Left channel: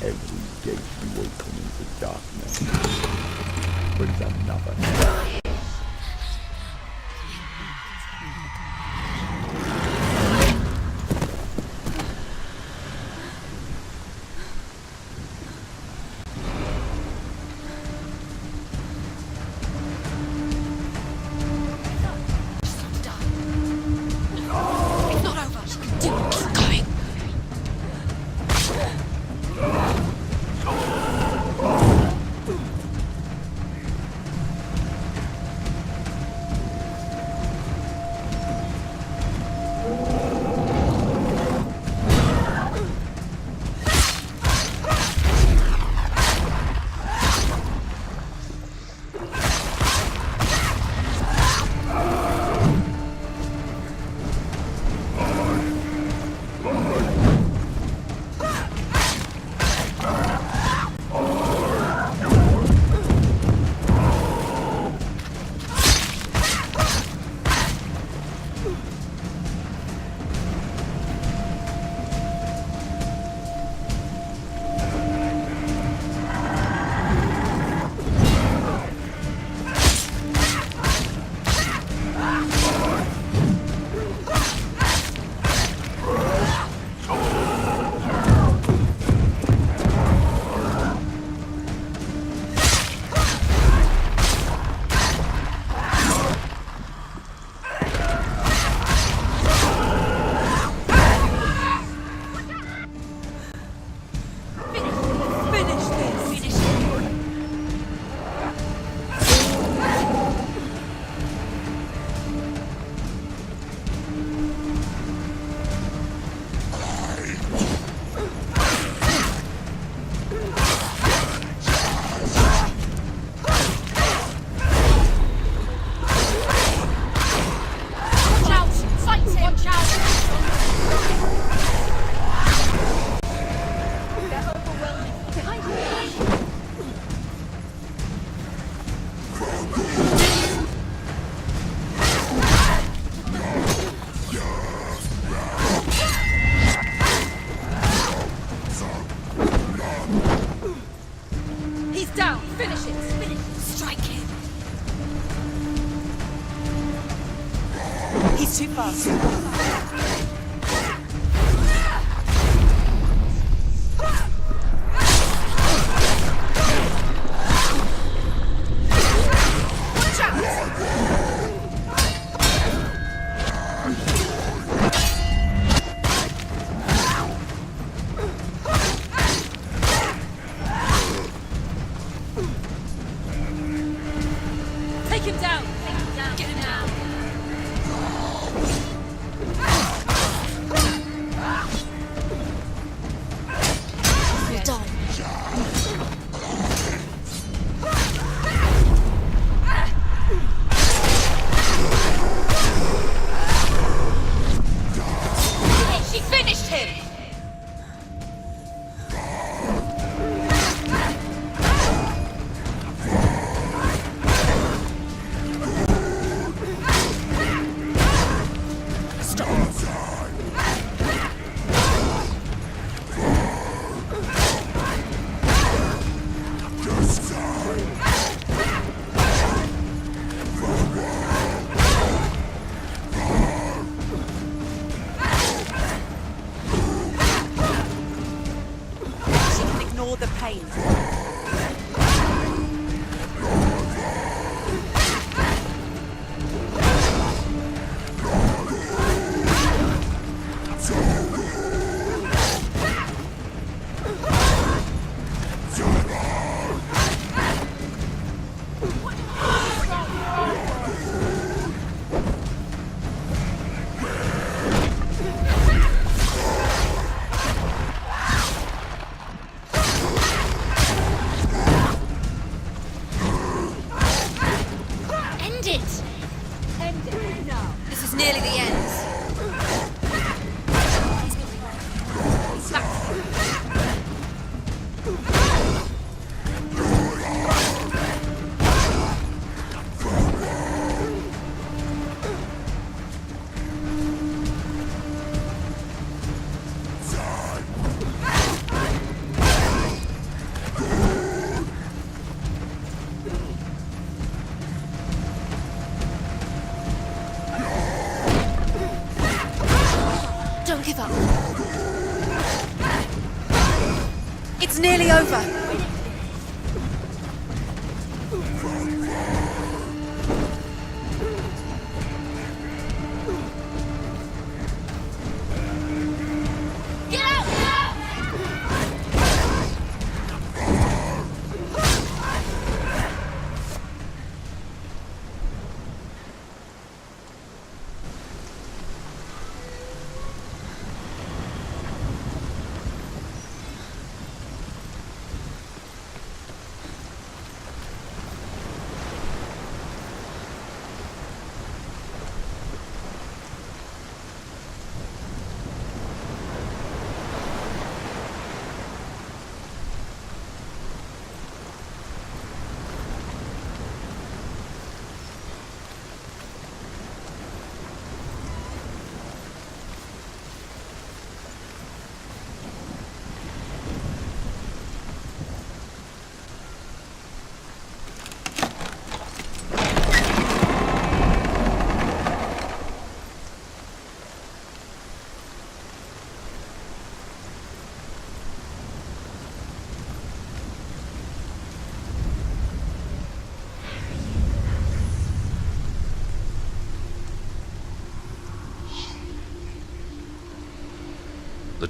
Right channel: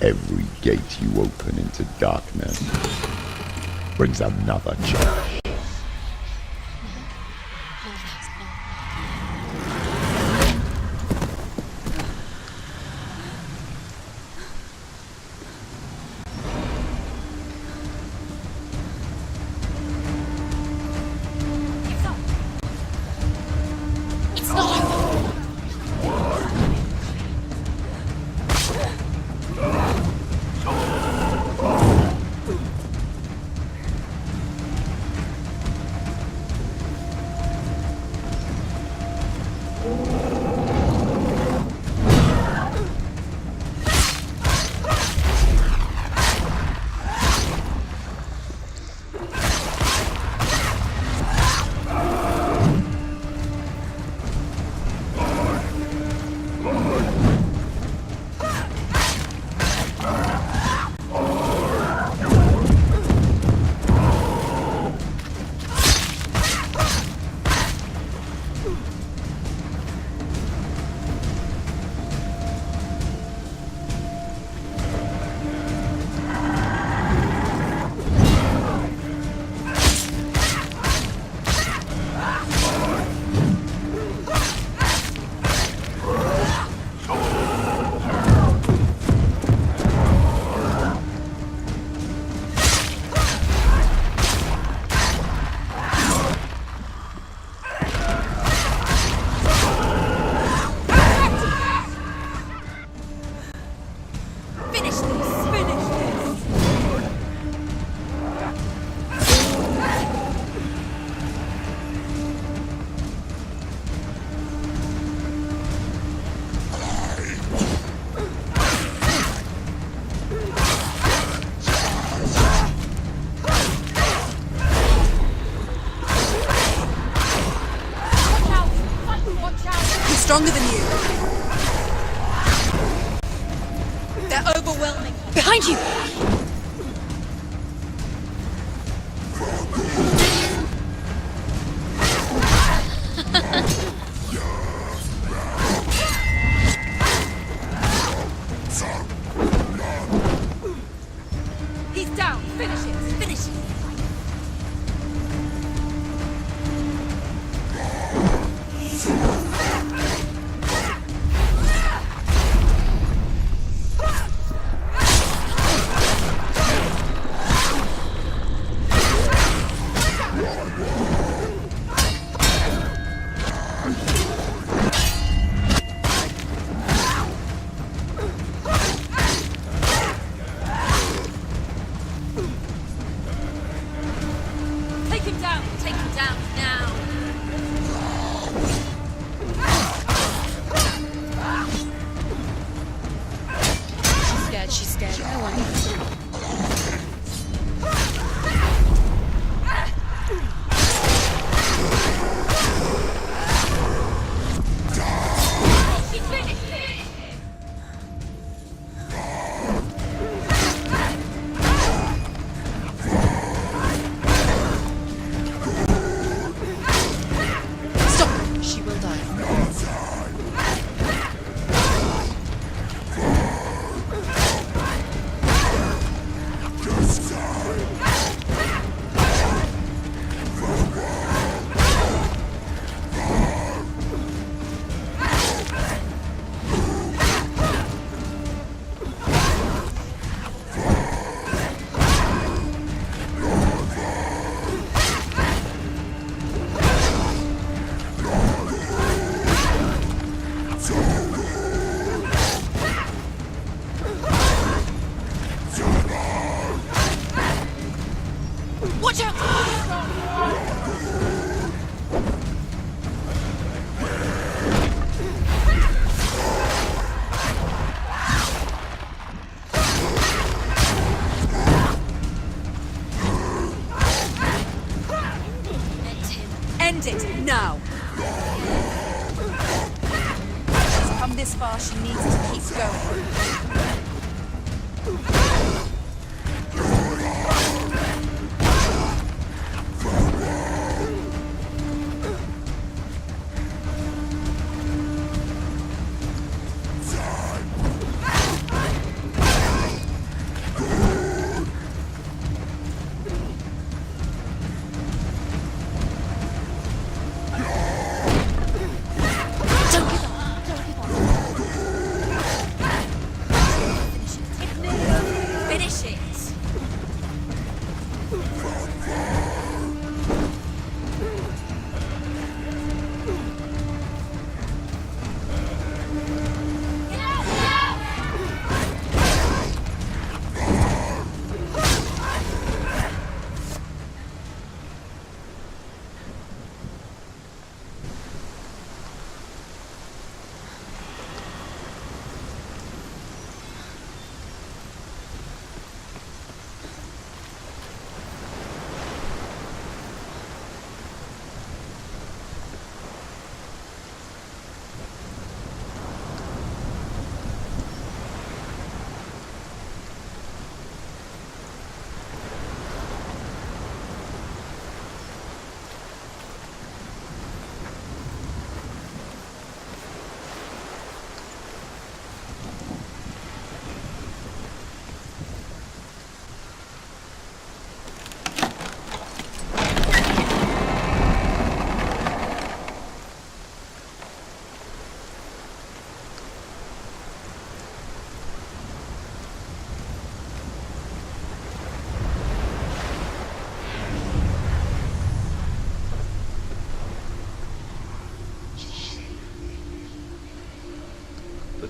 Every gate you open into darkness brings another challenge.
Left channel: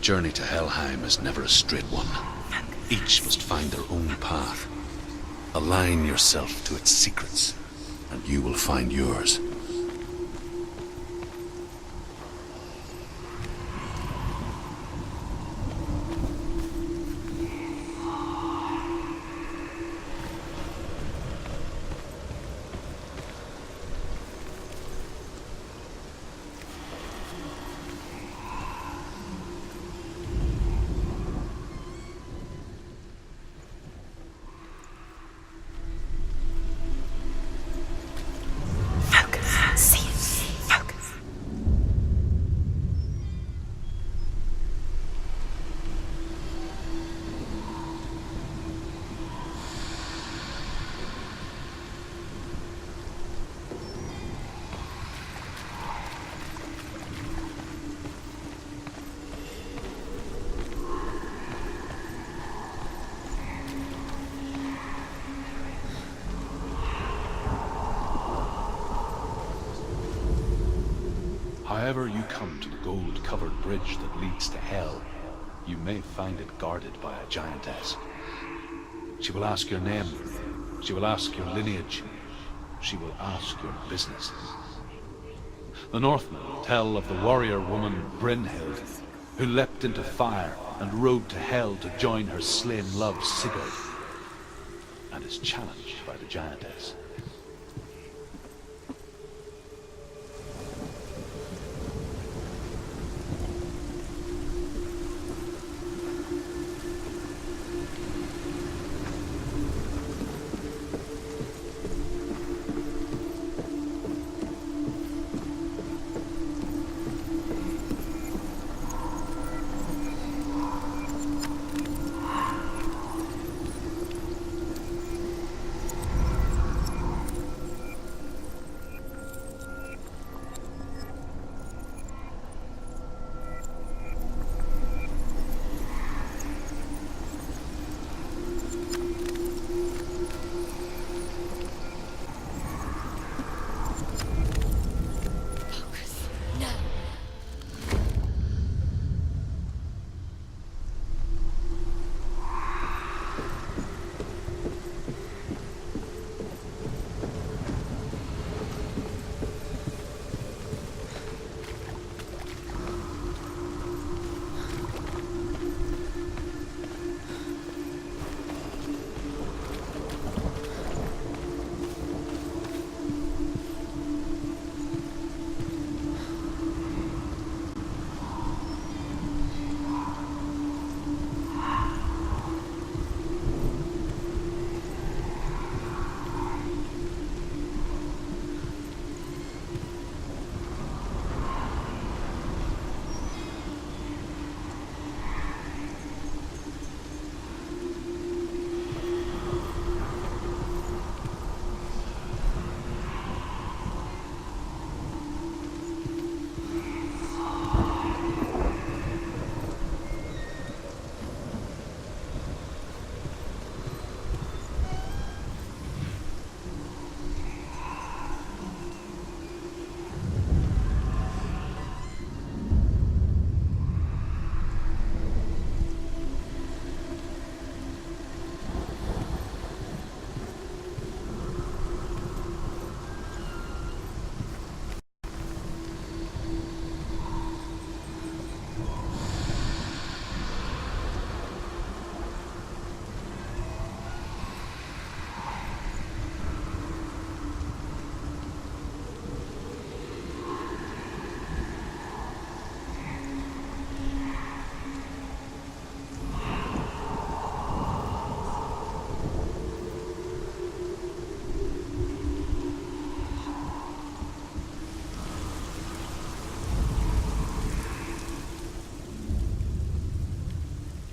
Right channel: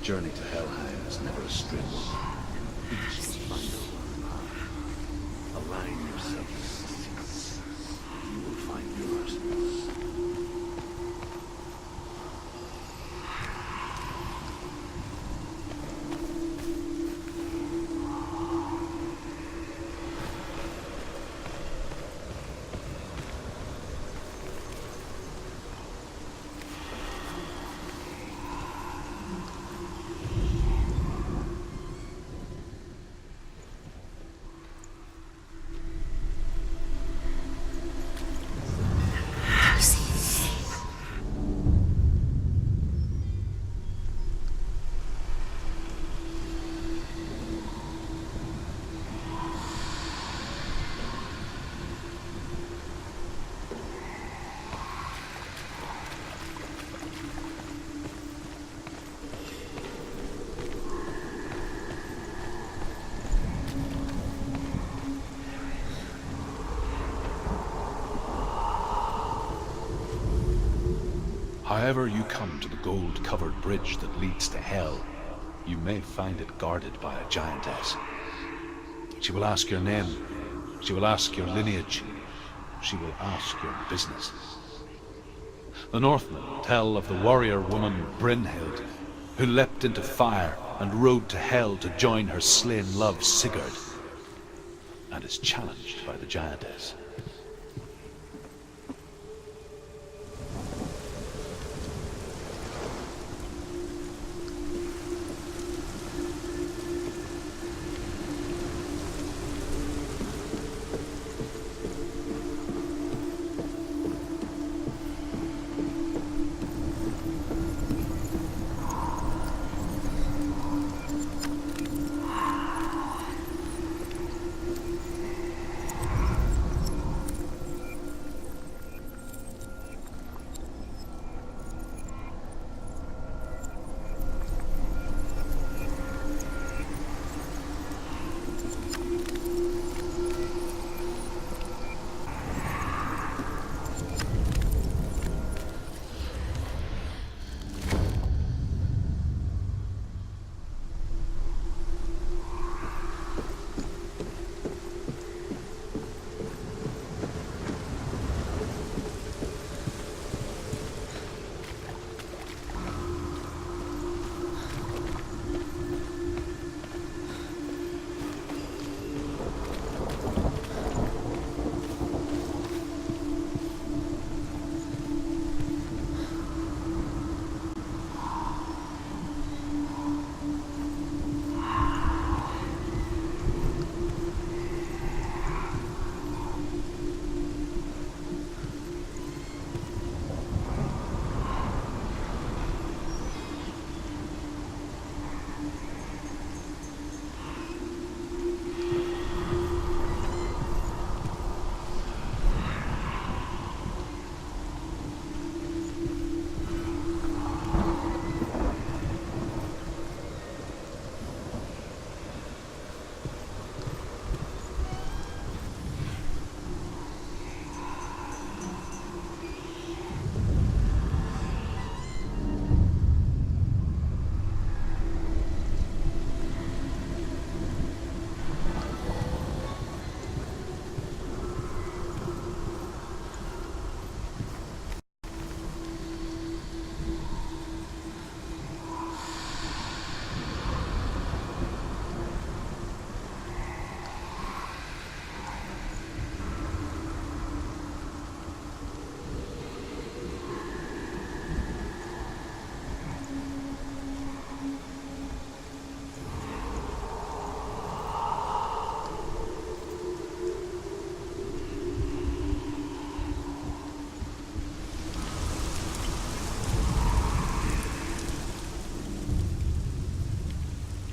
journey to Helheim is never a straight one. Each must find their own path. Align yourself to its secrets, and you will find yours. However you come to the gold-covered bridge that leads to Hell, you may find it guarded by a giantess. She will ask your name, she will ask your lineage, she will ask your business. The Northmen tell of the warrior woman Brynhild, who leapt into fire and rode to Hell to join her slain love Sigurd, and is challenged by the giantess.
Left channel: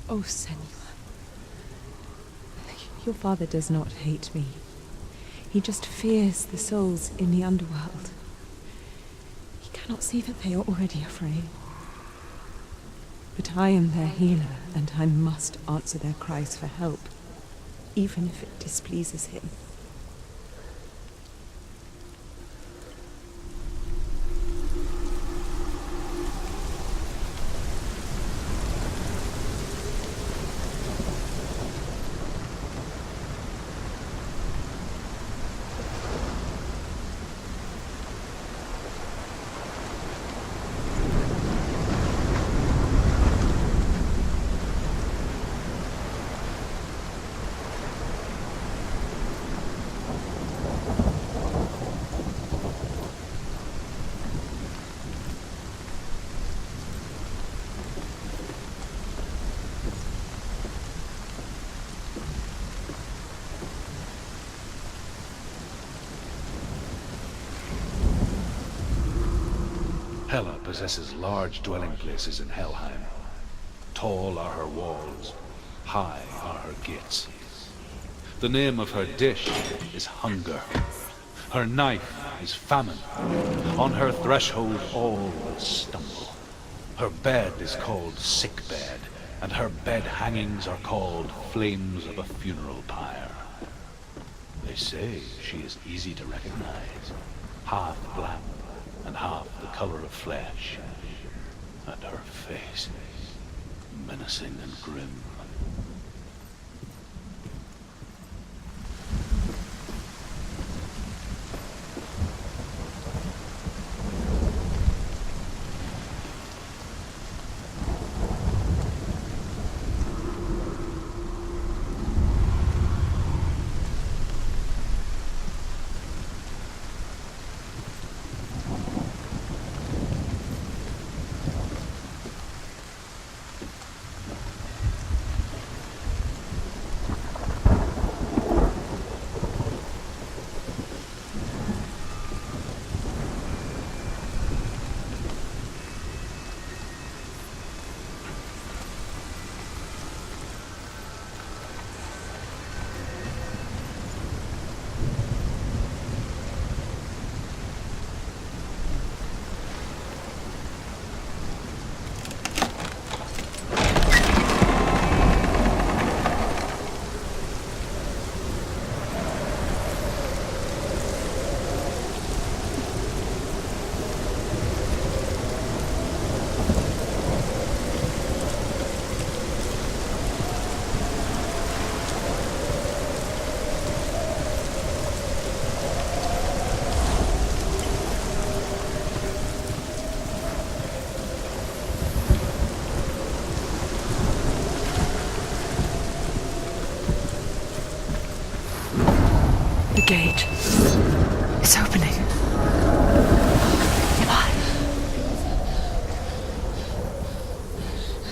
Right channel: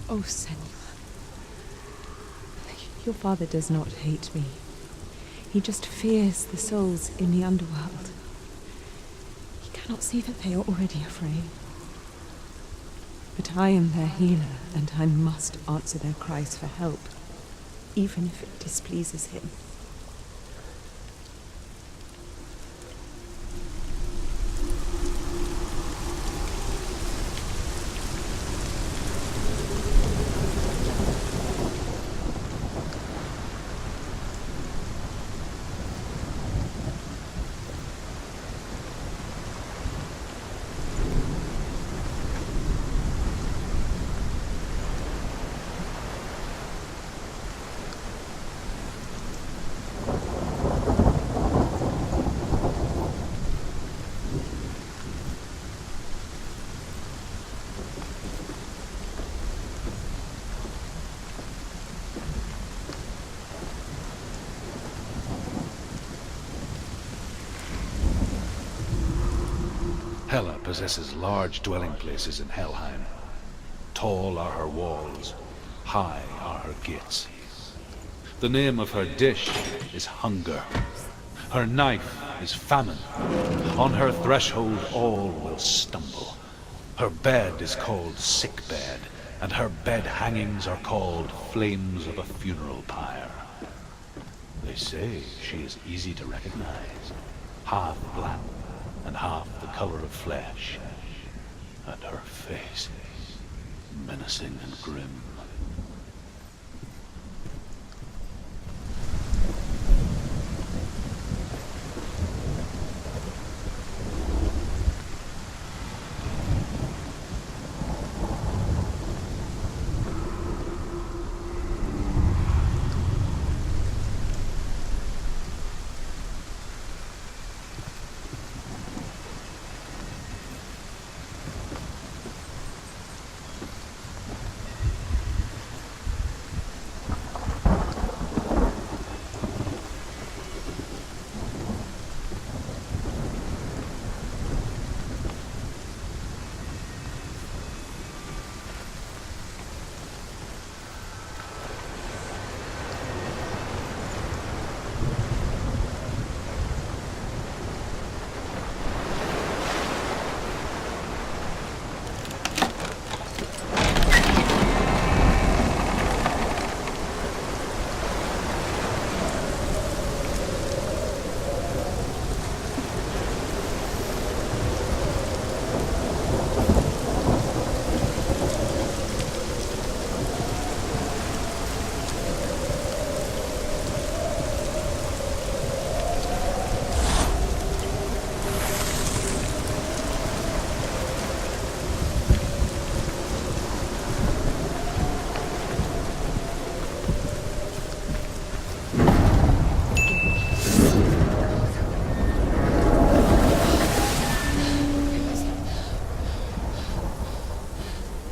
Oh, Senua. Your father does not hate me. He just fears the souls in the underworld. He cannot see that they are already afraid. But I am their healer, and I must answer their cries for help, even if it displeases him. Hela possesses large dwelling places in Helheim. Tall are her walls, high are her gates. The name of her dish is hunger. Her knife is famine. On her threshold all will stumble. Her bed is called sick bed, and her bed hangings are called flames of a funeral pyre. They say she is easy to recognize, half black and half the color of flesh, and her face menacing and grim. It's opening.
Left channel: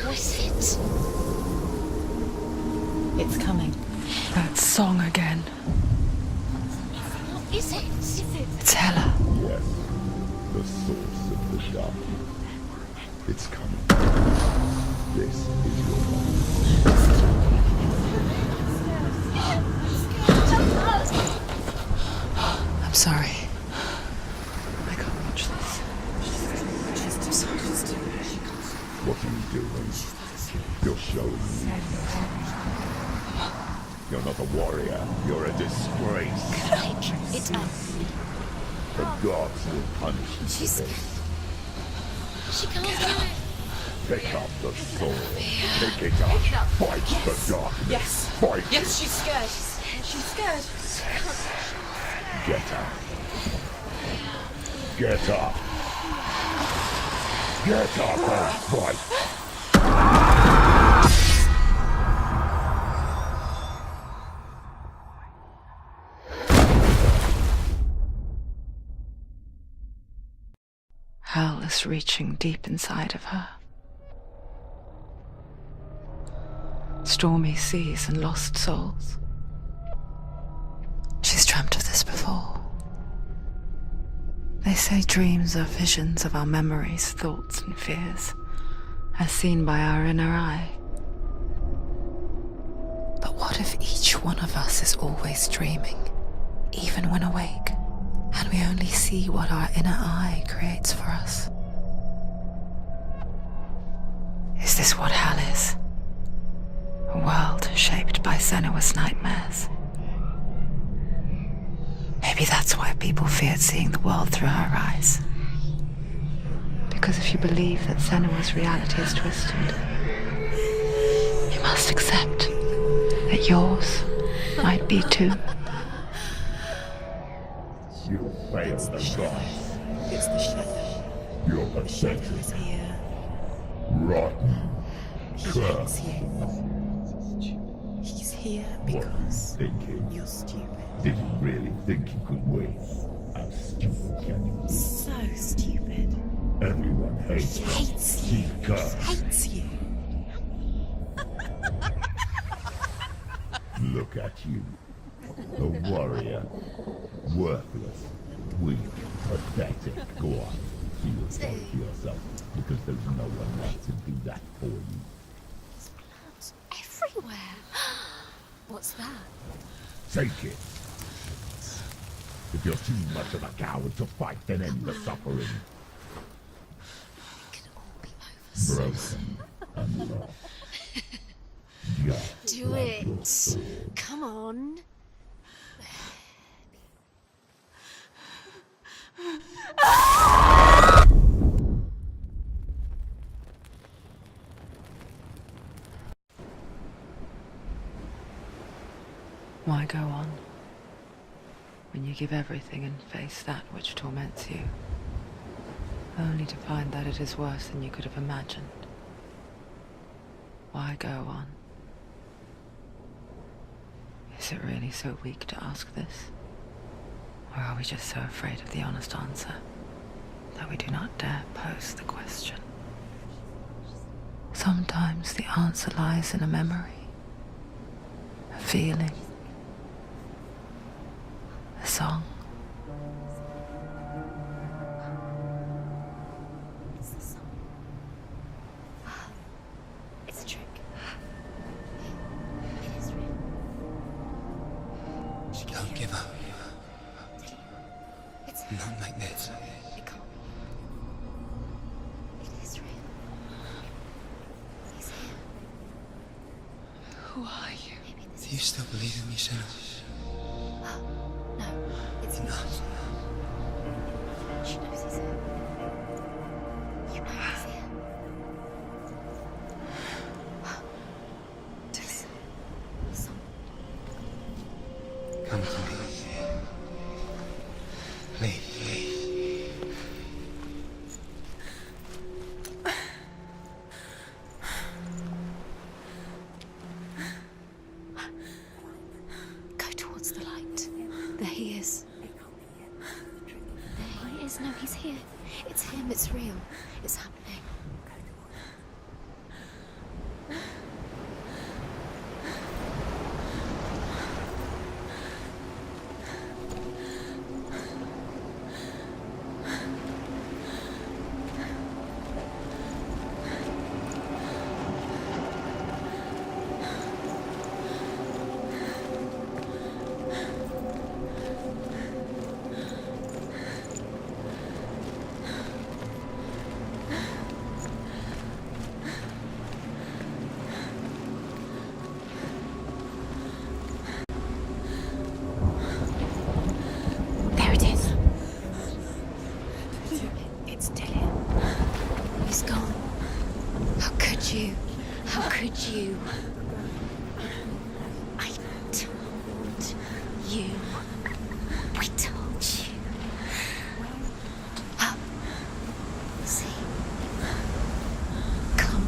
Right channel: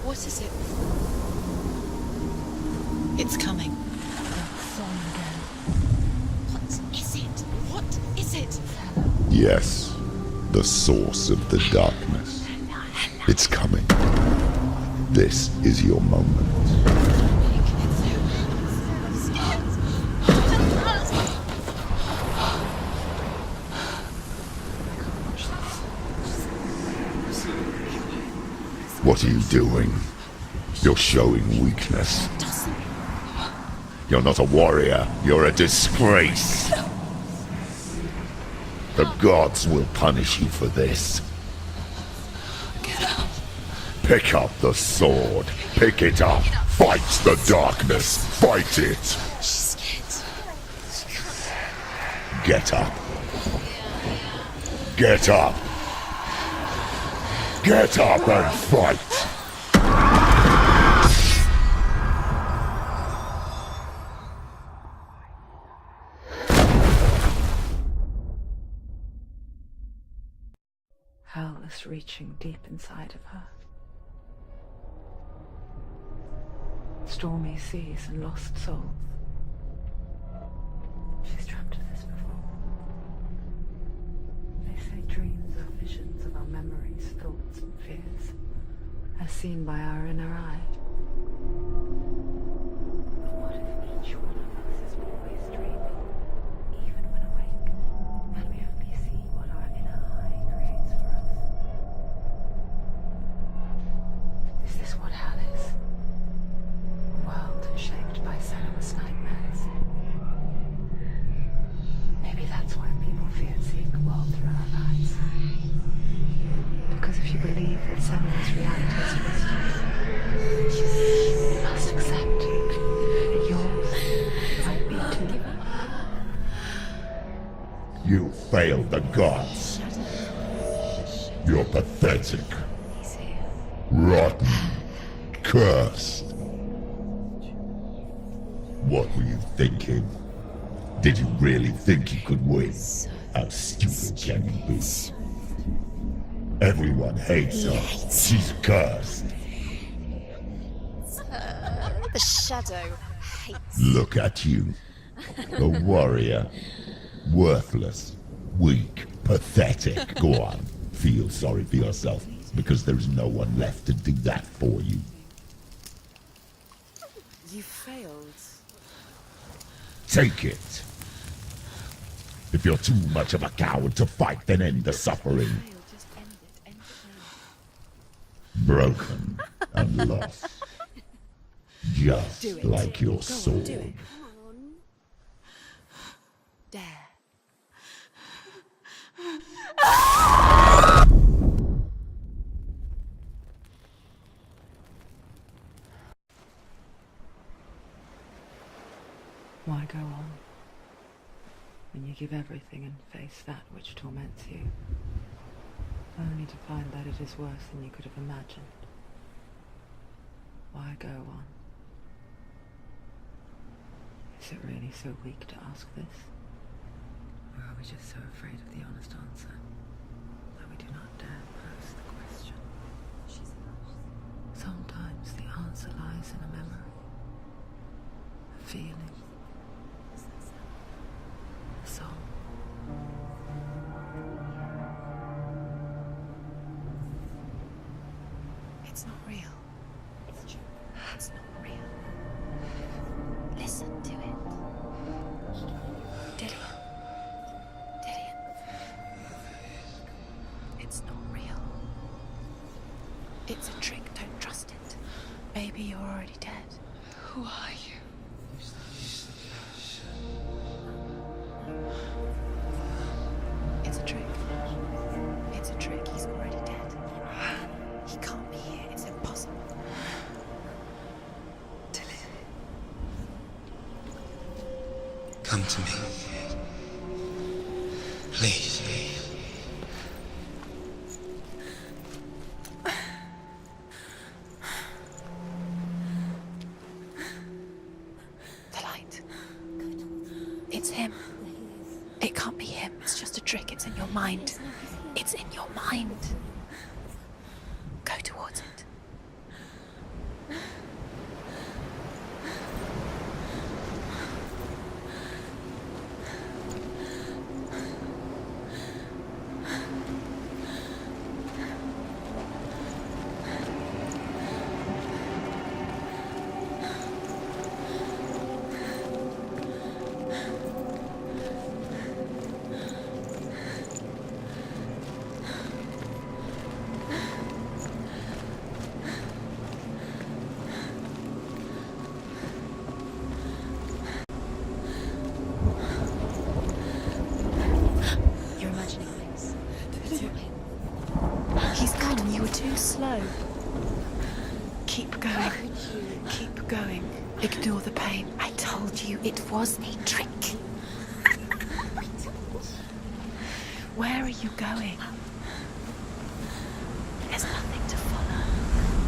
Who is it? It's coming. That song again. Is it? It's Hela. Yes, the source of the darkness. It's coming. This is your moment. I'm sorry. I can't watch this. What are you doing? You're showing weakness. You're not a warrior. You're a disgrace. The gods will punish you for this. Get up. Pick up the sword. Pick it up. Fight the darkness. Fight it. Get up. Get up. Get up and fight. Hell is reaching deep inside of her. Stormy seas and lost souls. She's dreamt of this before. They say dreams are visions of our memories, thoughts and fears, as seen by our inner eye. But what if each one of us is always dreaming, even when awake, and we only see what our inner eye creates for us? Is this what hell is? A world shaped by Senua's nightmares. Maybe that's why people feared seeing the world through her eyes. Because if you believe that Senua's reality is twisted, you must accept that yours might be too. You failed the gods. You're pathetic. Rotten. Cursed. What were you thinking? Did you really think you could win? How stupid can you be? So stupid. Everyone hates her. She's cursed. The shadow hates. Look at you. A warrior. Worthless. Weak. Pathetic. Go on. feel sorry for yourself because there's no one left to do that for you. Everywhere. You failed. What's that? Take it. If you're too much of a coward to fight, then end the suffering. Broken and lost. Just like your soul. Come on. There. Why go on when you give everything and face that which torments you, only to find that it is worse than you could have imagined? Why go on? Is it really so weak to ask this? Or are we just so afraid of the honest answer that we do not dare pose the question? Sometimes the answer lies in a memory, a feeling, a song. It's not real. It's a trick. It's not real. It is real. Listen to it. She can't give up. Dillian. It's Not like this. it can't. It's not real. It is real. It's a trick. Don't trust it. Baby, you're already dead. Who are you? Do you still believe in me, Senua? No, it's not. It's a trick. She knows it's him. It's a trick. He's already dead. He can't be here. It's impossible. Come to me. Please. The light. Go towards the light. It's him. There he is. It can't be him. It's just a trick. It's in your mind. No, he's here. It's in your mind. It's real. It's happening. Go towards it. There it is. You're imagining this. It's Dillian. He's gone. He's gone. Slow. How could you? Keep going. How could you? Keep going. Ignore the pain. I told you it was to trick you. I told you. Where are you going? Up. See, there's nothing to follow. Come.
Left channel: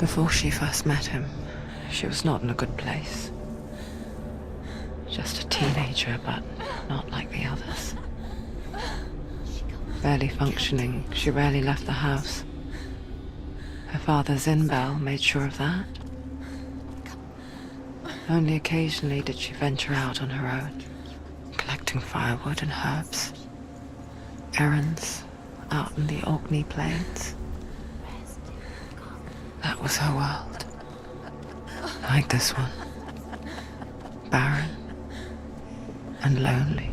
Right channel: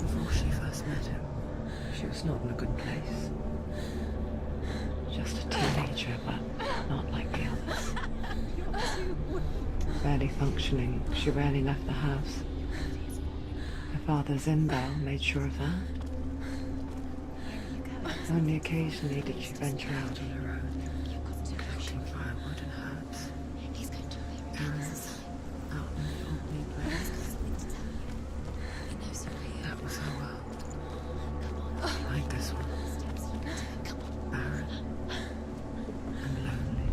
Before she first met him, she was not in a good place. Just a teenager, but not like the others. Barely functioning, she rarely left the house. Her father's in-bell made sure of that. Only occasionally did she venture out on her own, collecting firewood and herbs, errands out in the Orkney Plains. That was her world. Like this one. Barren and lonely.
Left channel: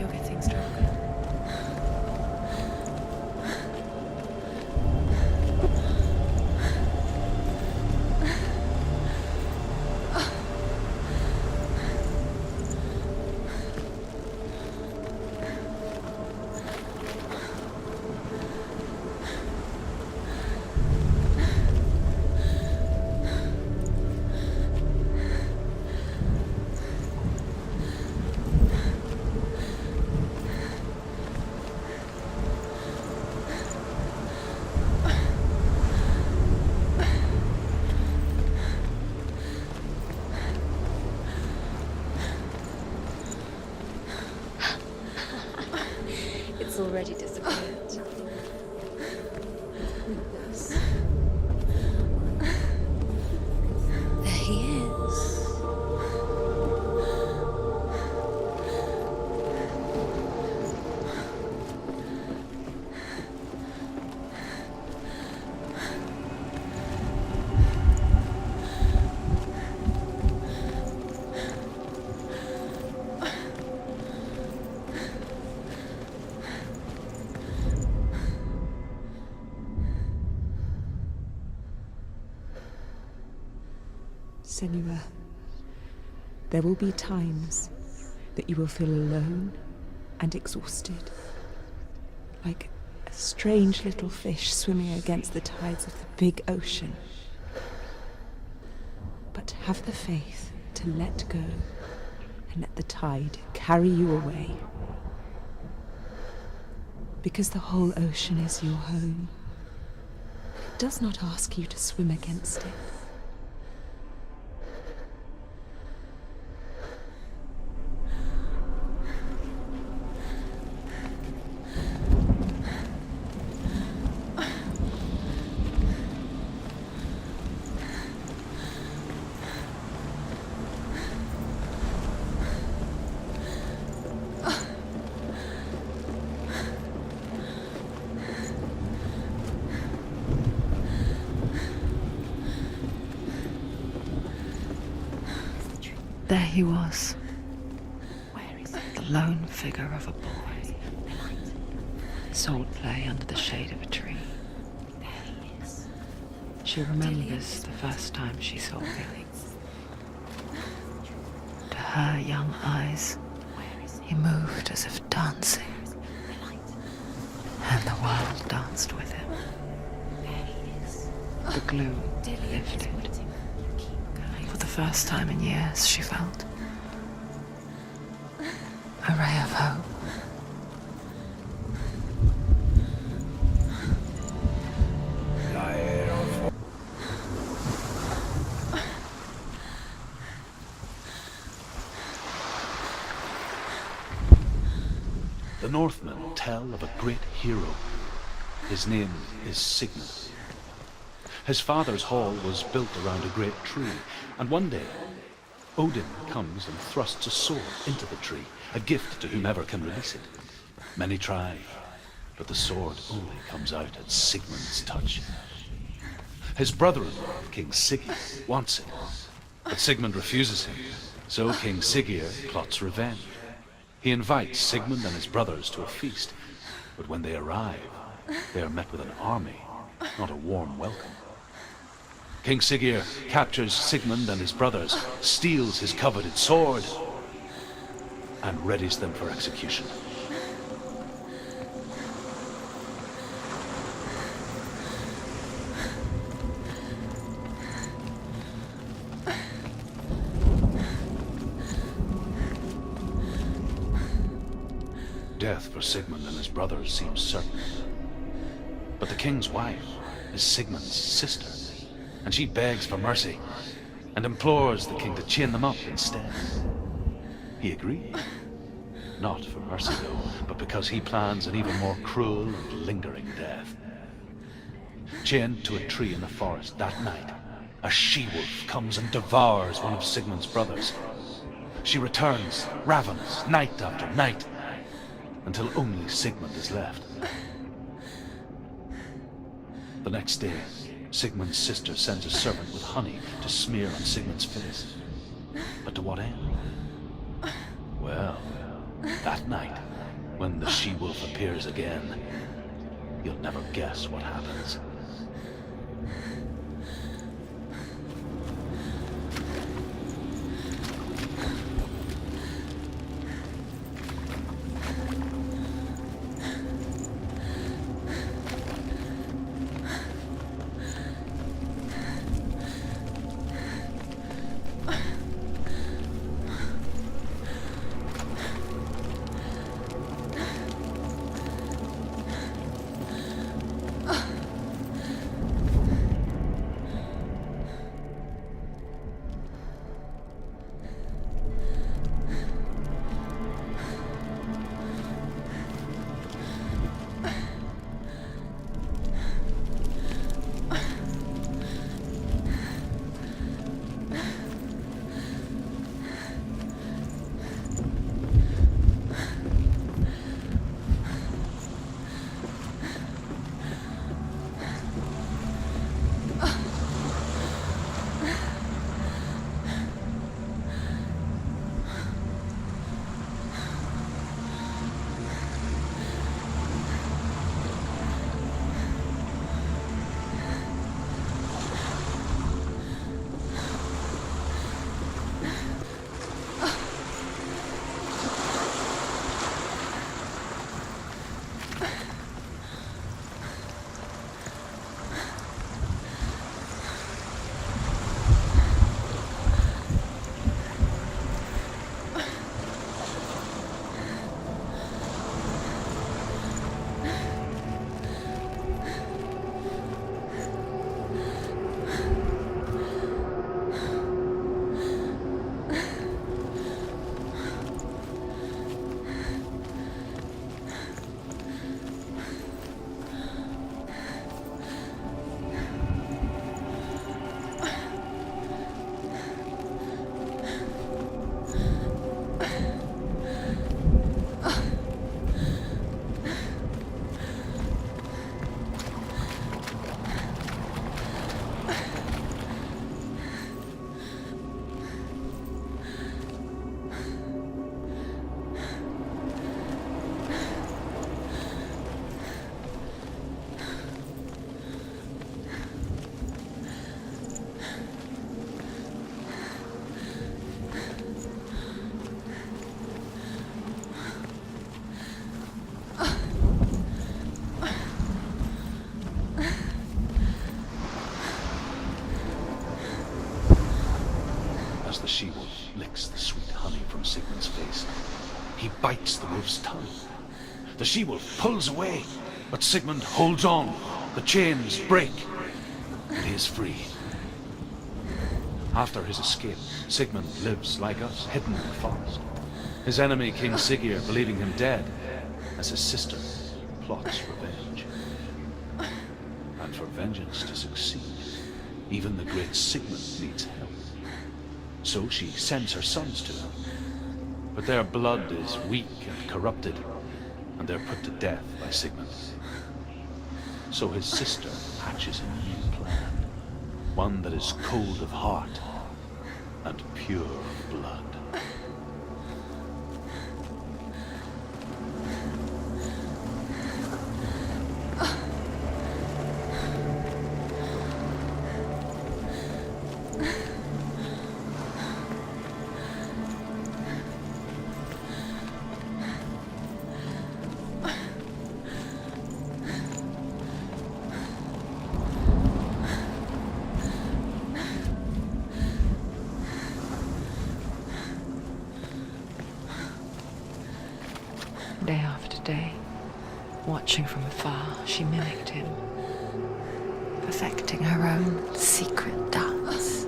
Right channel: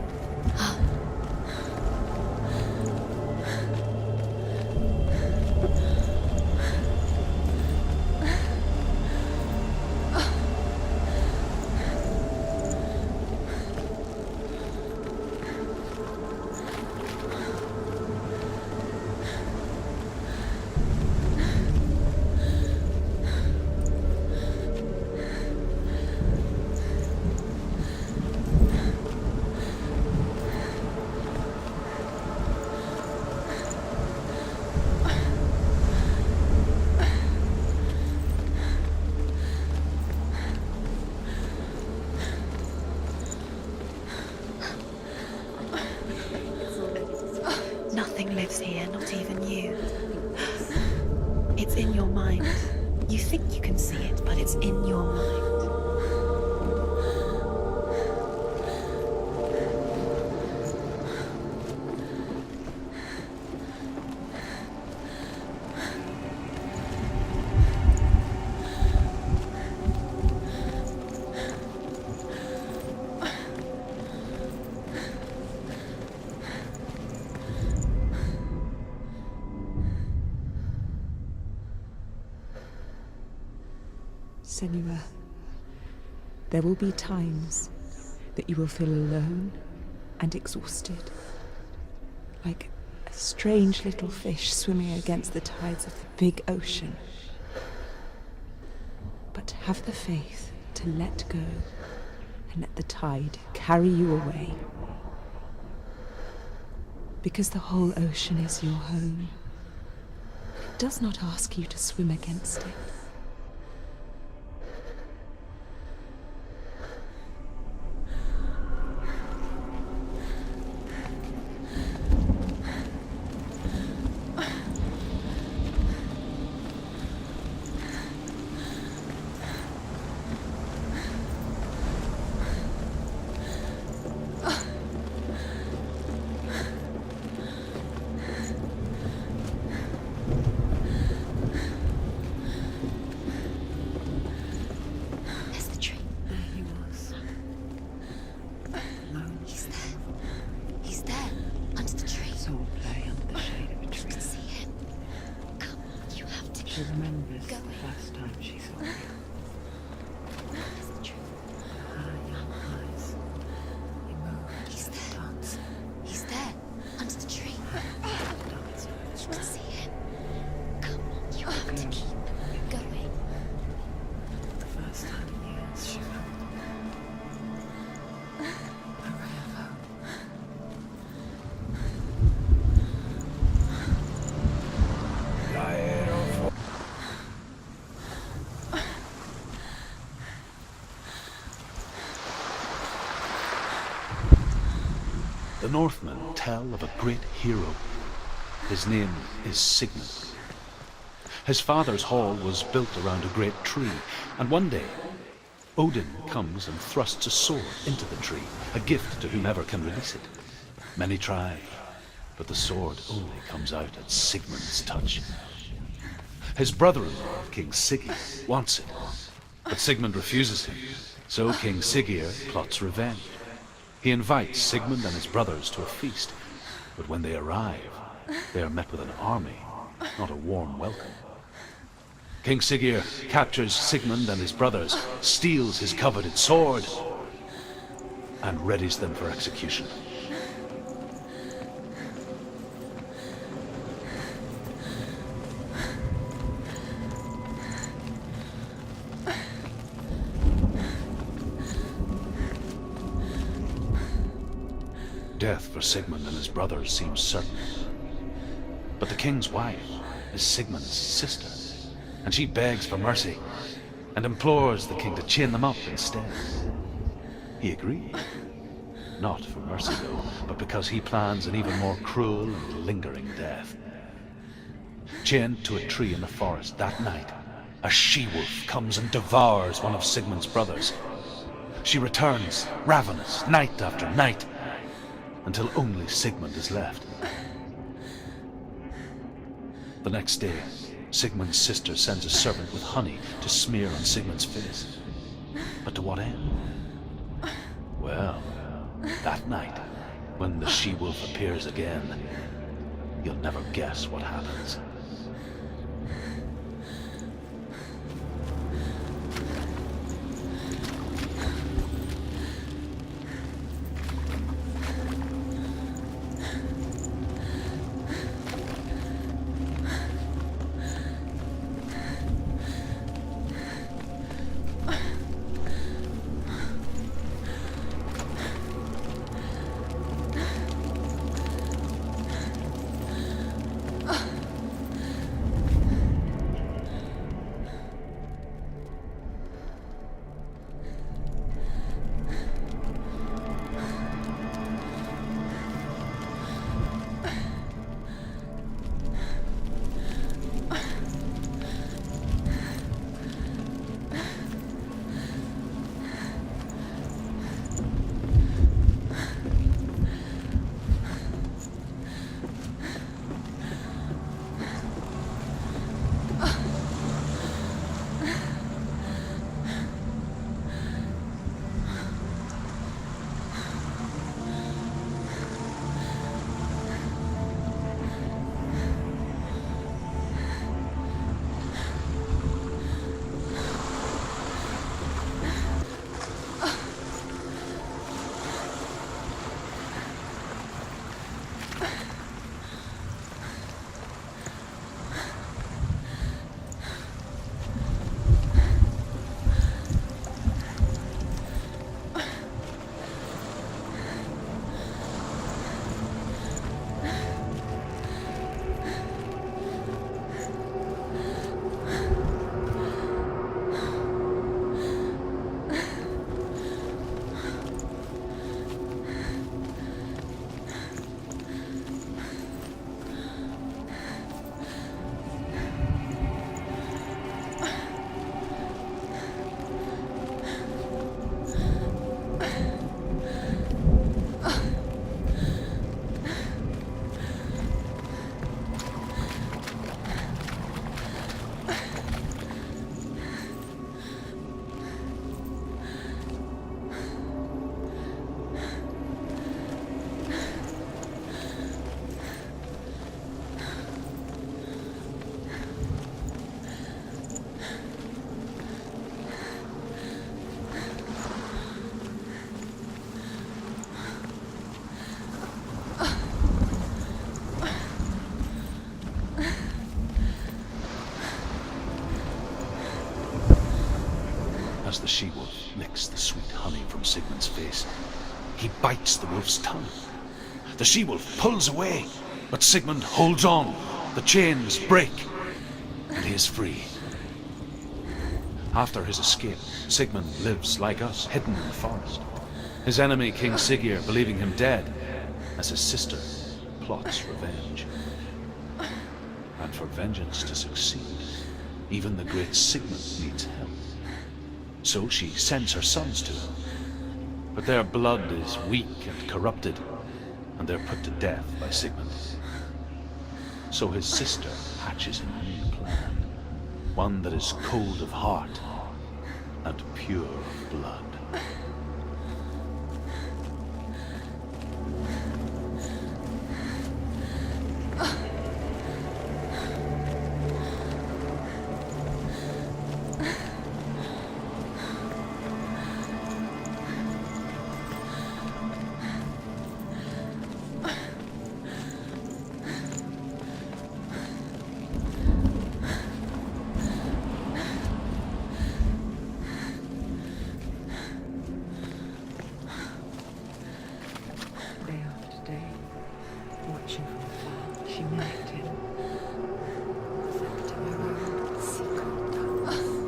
Everything's gone. else here, not even you. It's in your mind. You think you can see it, but it's in your mind. Senua, there will be times that you will feel alone and exhausted, like a strange little fish swimming against the tides of the big ocean. But have the faith to let go and let the tide carry you away. Because the whole ocean is your home. It does not ask you to swim against it. There he was, the lone figure of a boy. He's there, under the tree. Soul play under the shade of a tree. She remembers the first time she saw him. To her young eyes, he moved as if dancing, He's there, under the tree. and the world danced with him. The gloom lifted. For the first time in years, she felt a ray of hope. The Northmen tell of a great hero. His name is Sigmund. His father's hall was built around a great tree, and one day Odin comes and thrusts a sword into the tree, a gift to whomever can release it. Many try, but the sword only comes out at Sigmund's touch. His brother-in-law, King Siggeir, wants it, but Sigmund refuses him, so King Siggeir plots revenge. He invites Sigmund and his brothers to a feast, but when they arrive, they are met with an army, not a warm welcome. King Siggeir captures Sigmund and his brothers, steals his coveted sword, and readies them for execution. Death for Sigmund and his brothers seems certain. But the king's wife is Sigmund's sister, and she begs for mercy and implores the king to chain them up instead. He agrees. Not for mercy, though, but because he plans an even more cruel and lingering death. Chained to a tree in the forest that night, a she-wolf comes and devours one of Sigmund's brothers. She returns, ravenous, night after night, until only Sigmund is left. The next day, Sigmund's sister sends a servant with honey to smear on Sigmund's face. But to what end? Well, that night, when the she-wolf appears again, you'll never guess what happens. As the she-wolf licks the sweet honey from Sigmund's face, he bites the wolf's tongue. The she-wolf pulls away, but Sigmund holds on. The chains break, and he is free. After his escape, Sigmund lives like us, hidden in the forest. His enemy, King Siggeir, believing him dead, as his sister plots revenge. And for vengeance to succeed, even the great Sigmund needs help. So she sends her sons to him. But their blood is weak and corrupted, and they're put to death by Sigmund. So his sister hatches a new plan, one that is cold of heart and pure of blood. Day after day, watching from afar, she mimicked him, perfecting her own secret dance,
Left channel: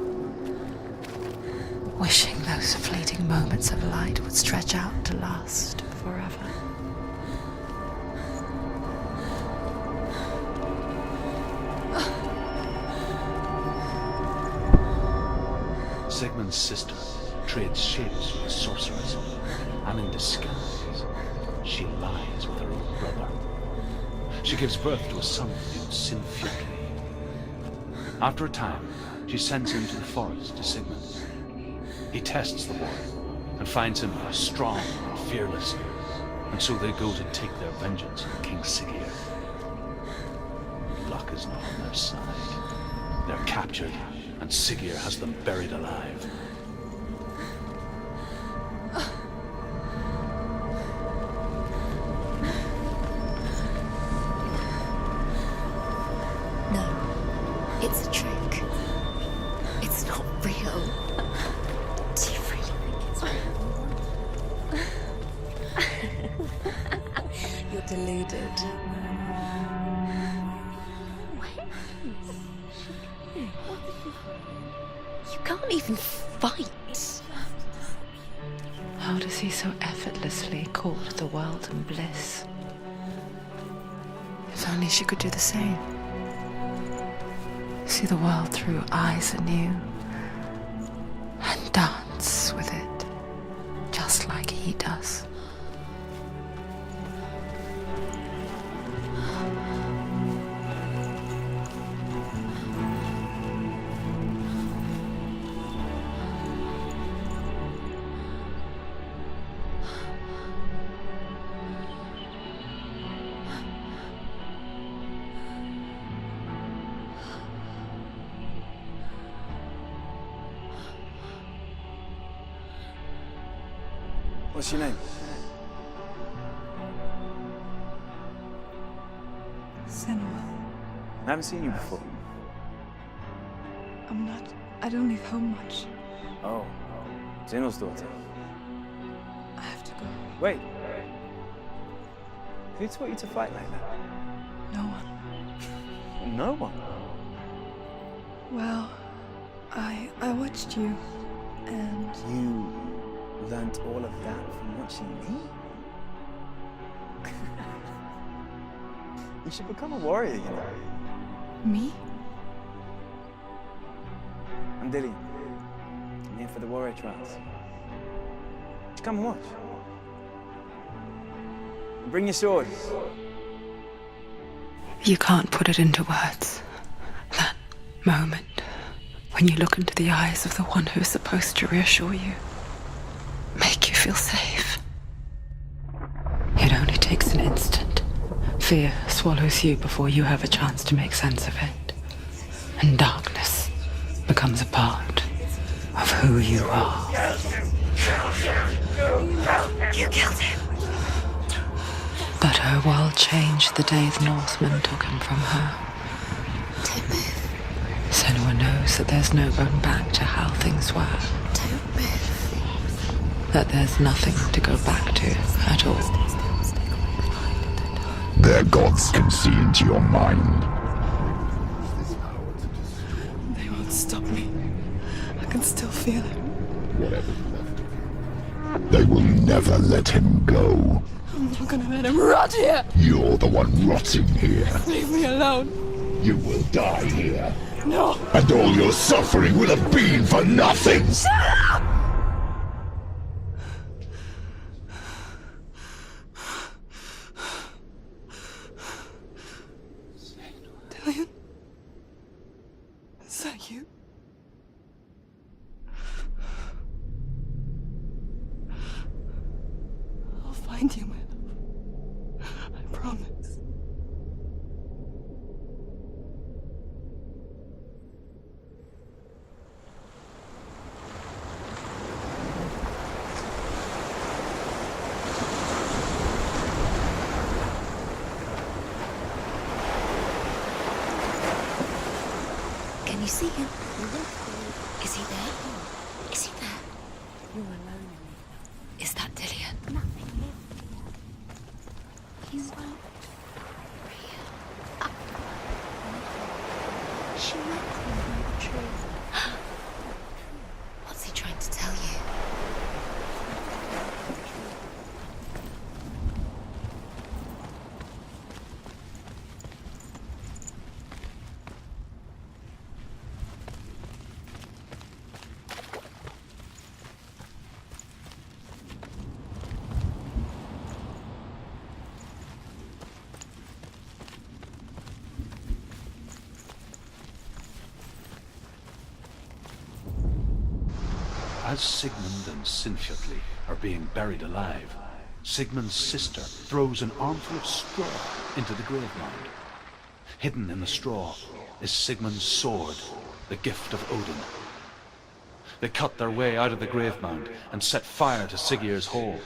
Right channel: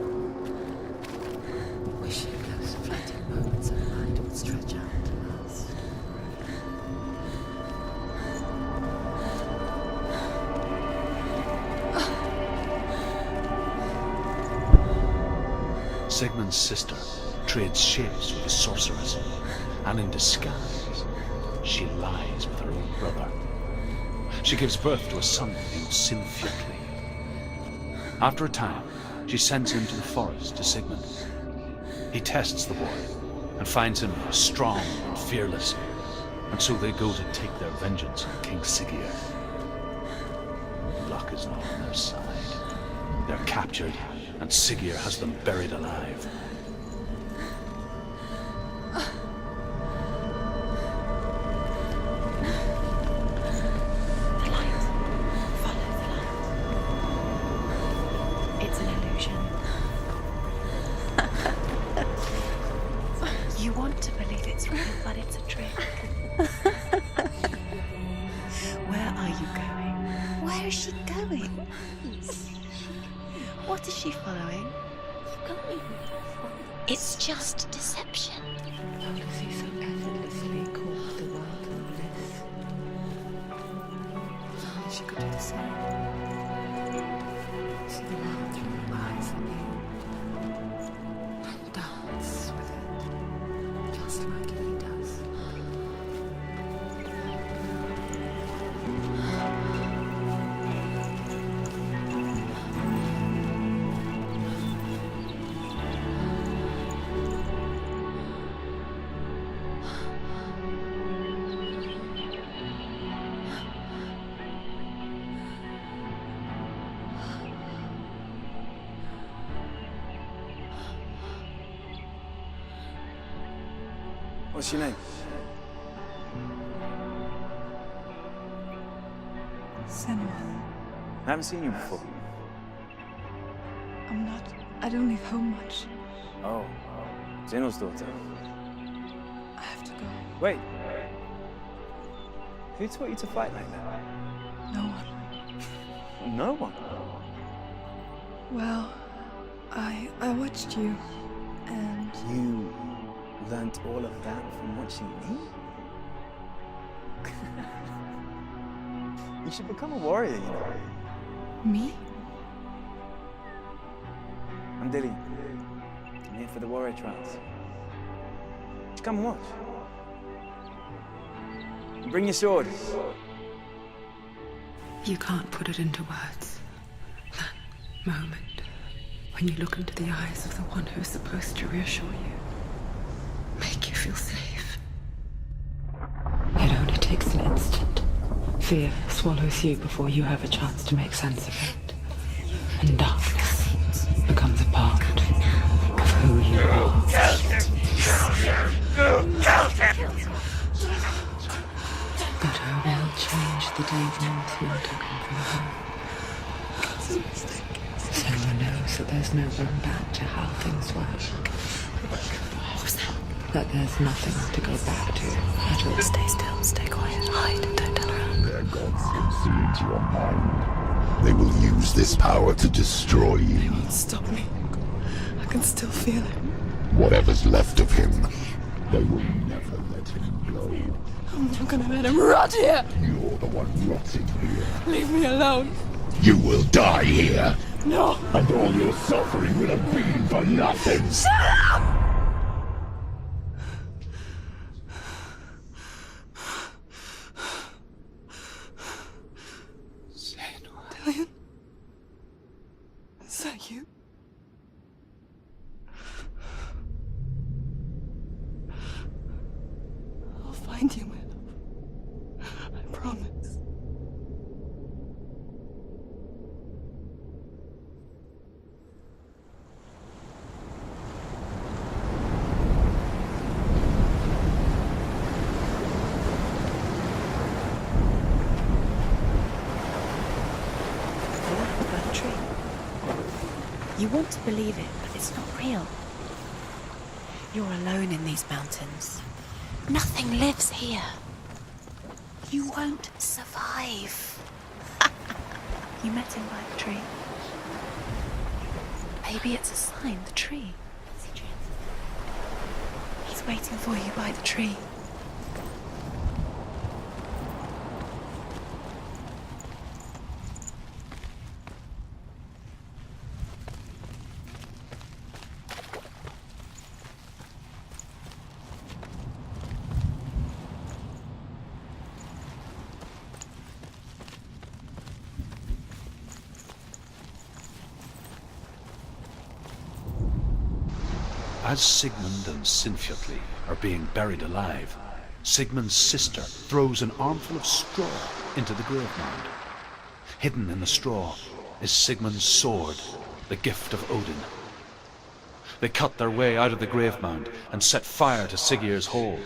wishing those fleeting moments of light would stretch out to last forever. Sigmund's sister trades shapes with the sorceress, and in disguise, she lies with her own brother. She gives birth to a son named Silfjötli. After a time, she sends him to the forest to Sigmund. He tests the boy and finds him strong and fearless, and so they go to take their vengeance on King Siggeir. Luck is not on their side. They're captured, and Siggeir has them buried alive. It's a trick. It's an illusion. It's not real. You want to believe it's real, but it's a trick. You're deluded. Where are you going? Where is she going? What is she following? You can't even fight. It's just deception. How does he so effortlessly court the world and bliss? If only she could do the same. See the world through eyes anew and dance with it, just like he does. What's your name? Senua. I haven't seen you before. I don't leave home much. Oh, Zenua's daughter. I have to go. Wait. Who taught you to fight like that? No one. No one. Well, I watched you, and You learnt all of that from watching me? You should become a warrior, you know. me? I'm Dillian. I'm here for the warrior trials. Just come and watch. And bring your sword. You can't put it into words. That moment when you look into the eyes of the one who is supposed to reassure you, make you feel safe. It only takes an instant. Fear swallows you before you have a chance to make sense of it. And darkness becomes a part of who you are. You killed him. But her world changed the day the Northmen took him from her. Senua knows that there's no going back to how things were. That there's nothing to go back to at all. Stay still, stay quiet, hide, don't tell her. Their gods can see into your mind. They will use this power to destroy They you. won't stop me. I can still feel him. Whatever's left of him, they will never let him go. I'm not gonna let him rot here. You're the one rotting here. Leave me alone. You will die here. No. And all your suffering will have been for nothing. Shut up! Dillian? Is that you? I'll find you, my love. I promise. Can you see him? You want to believe it. Is he not real? Is he there? You're alone in these mountains. Is that Dillian? Nothing lives here. You won't survive. You met him by the tree. She met him by the tree. Maybe it's a sign, the tree. What's he trying to tell you? He's waiting for you by the tree. As Sigmund and Sinfjotli are being buried alive, Sigmund's sister throws an armful of straw into the grave mound. Hidden in the straw is Sigmund's sword, the gift of Odin. They cut their way out of the grave mound and set fire to Siggeir's hall.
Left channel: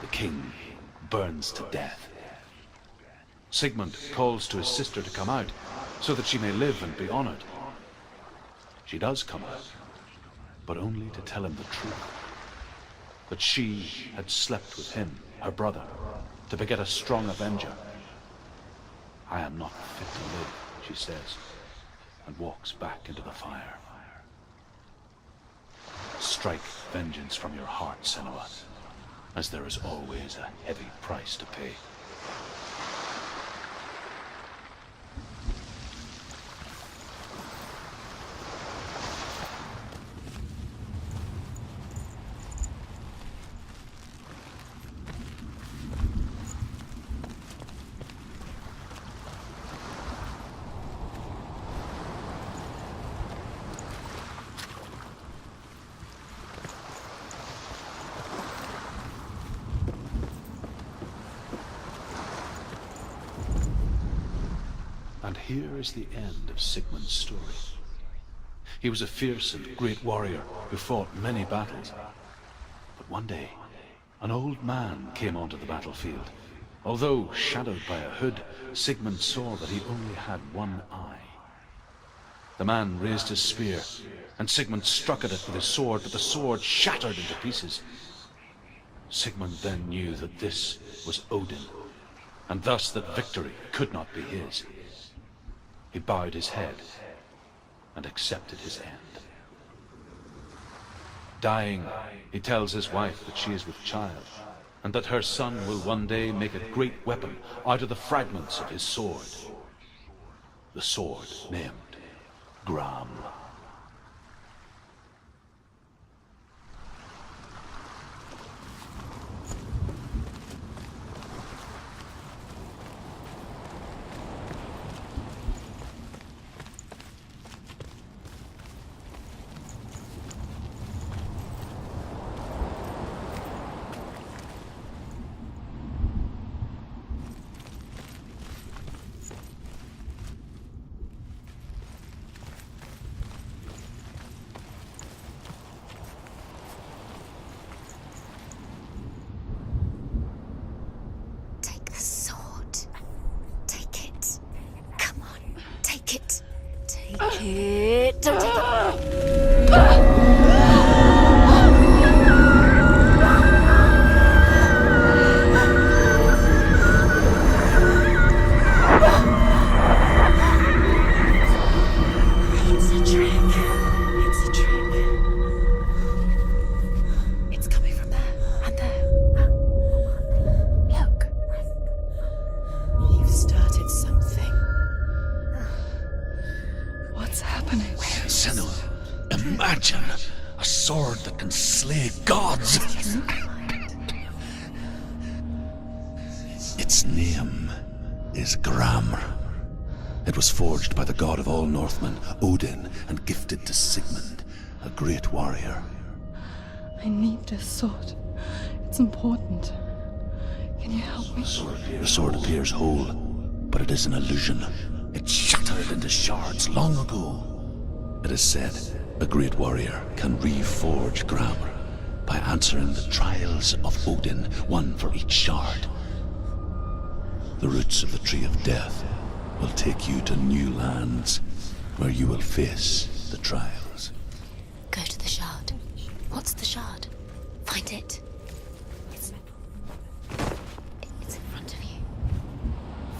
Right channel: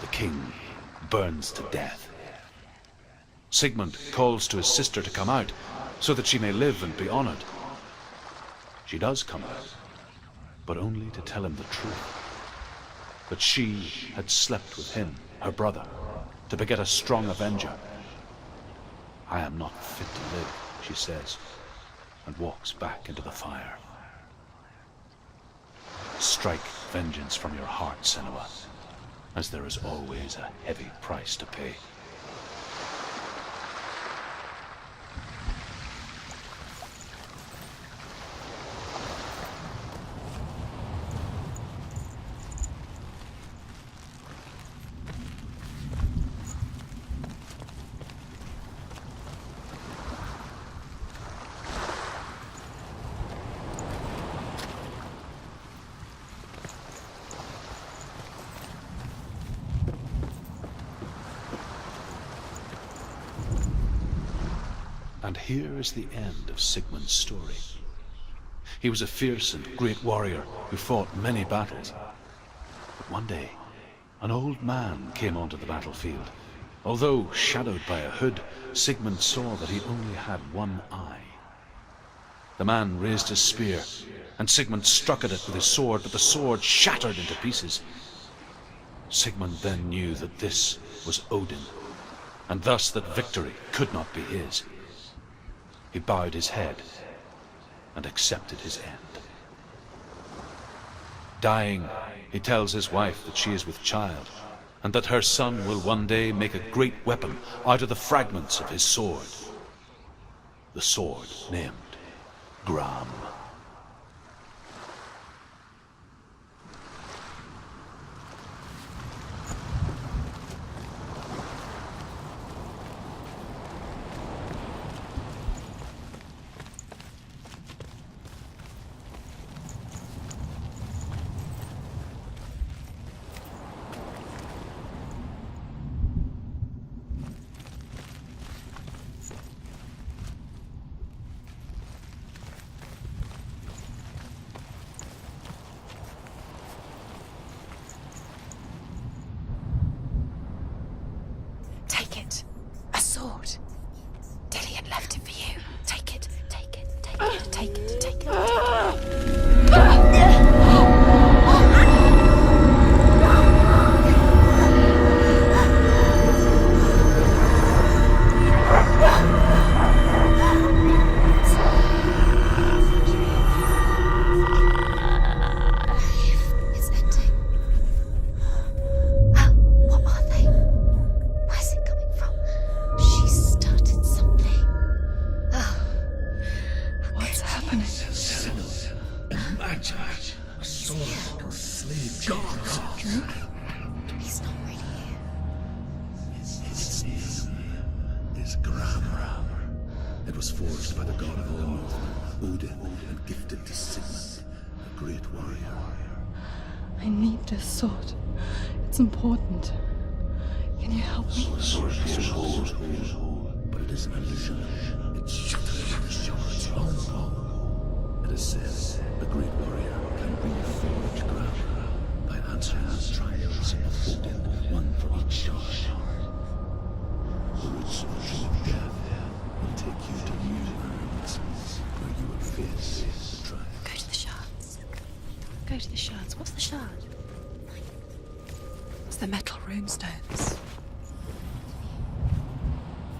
The king burns to death. Sigmund calls to his sister to come out so that she may live and be honored. She does come out, but only to tell him the truth. That she had slept with him, her brother, to beget a strong avenger. I am not fit to live, she says, and walks back into the fire. Strike vengeance from your heart, Senua, as there is always a heavy price to pay. And here is the end of Sigmund's story. He was a fierce and great warrior who fought many battles. But one day, an old man came onto the battlefield. Although shadowed by a hood, Sigmund saw that he only had one eye. The man raised his spear, and Sigmund struck at it with his sword, but the sword shattered into pieces. Sigmund then knew that this was Odin, and thus that victory could not be his. He bowed his head and accepted his end. Dying, he tells his wife that she is with child, and that her son will one day make a great weapon out of the fragments of his sword. The sword named Gram. happening? Senua, imagine a sword that can slay gods. Its name is Gramr. It was forged by the god of all Northmen, Odin, and gifted to Sigmund, a great warrior. I need this sword. It's important. Can you help me? The sword appears whole, but it is an illusion. It shattered into shards long ago. It is said a great warrior can reforge Gramr by answering the trials of Odin, one for each shard. The roots of the Tree of Death will take you to new lands where you will face the trials. Go to the shards. Go to the shard. Go to the shards. What's the shard? Find it. It's the metal runestones. It's in front of you.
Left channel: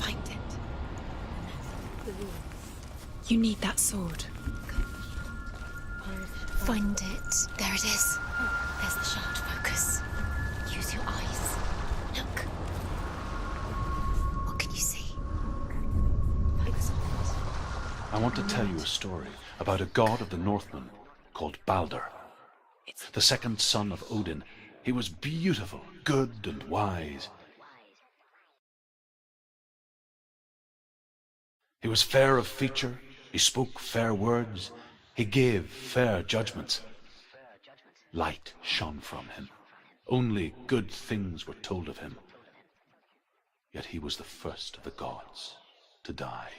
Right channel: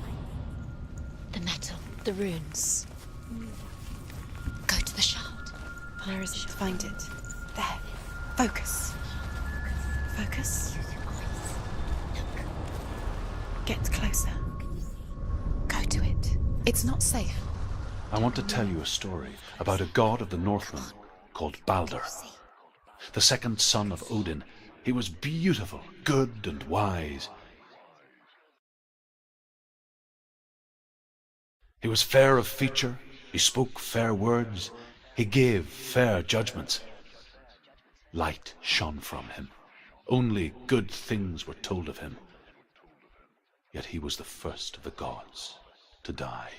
Find it. The metal. The runes. You need that sword. Go to the shard. Where is it? Find it. There it is. Focus. There's the shard. Focus. Focus. Use your eyes. Look. Get closer. What can you see? Go to it. It's not safe. I want to tell you a story about a god of the Northmen called Balder, the second son of Odin. He was beautiful, good, and wise. He was fair of feature, he spoke fair words, he gave fair judgments. Light shone from him. Only good things were told of him. Yet he was the first of the gods to die.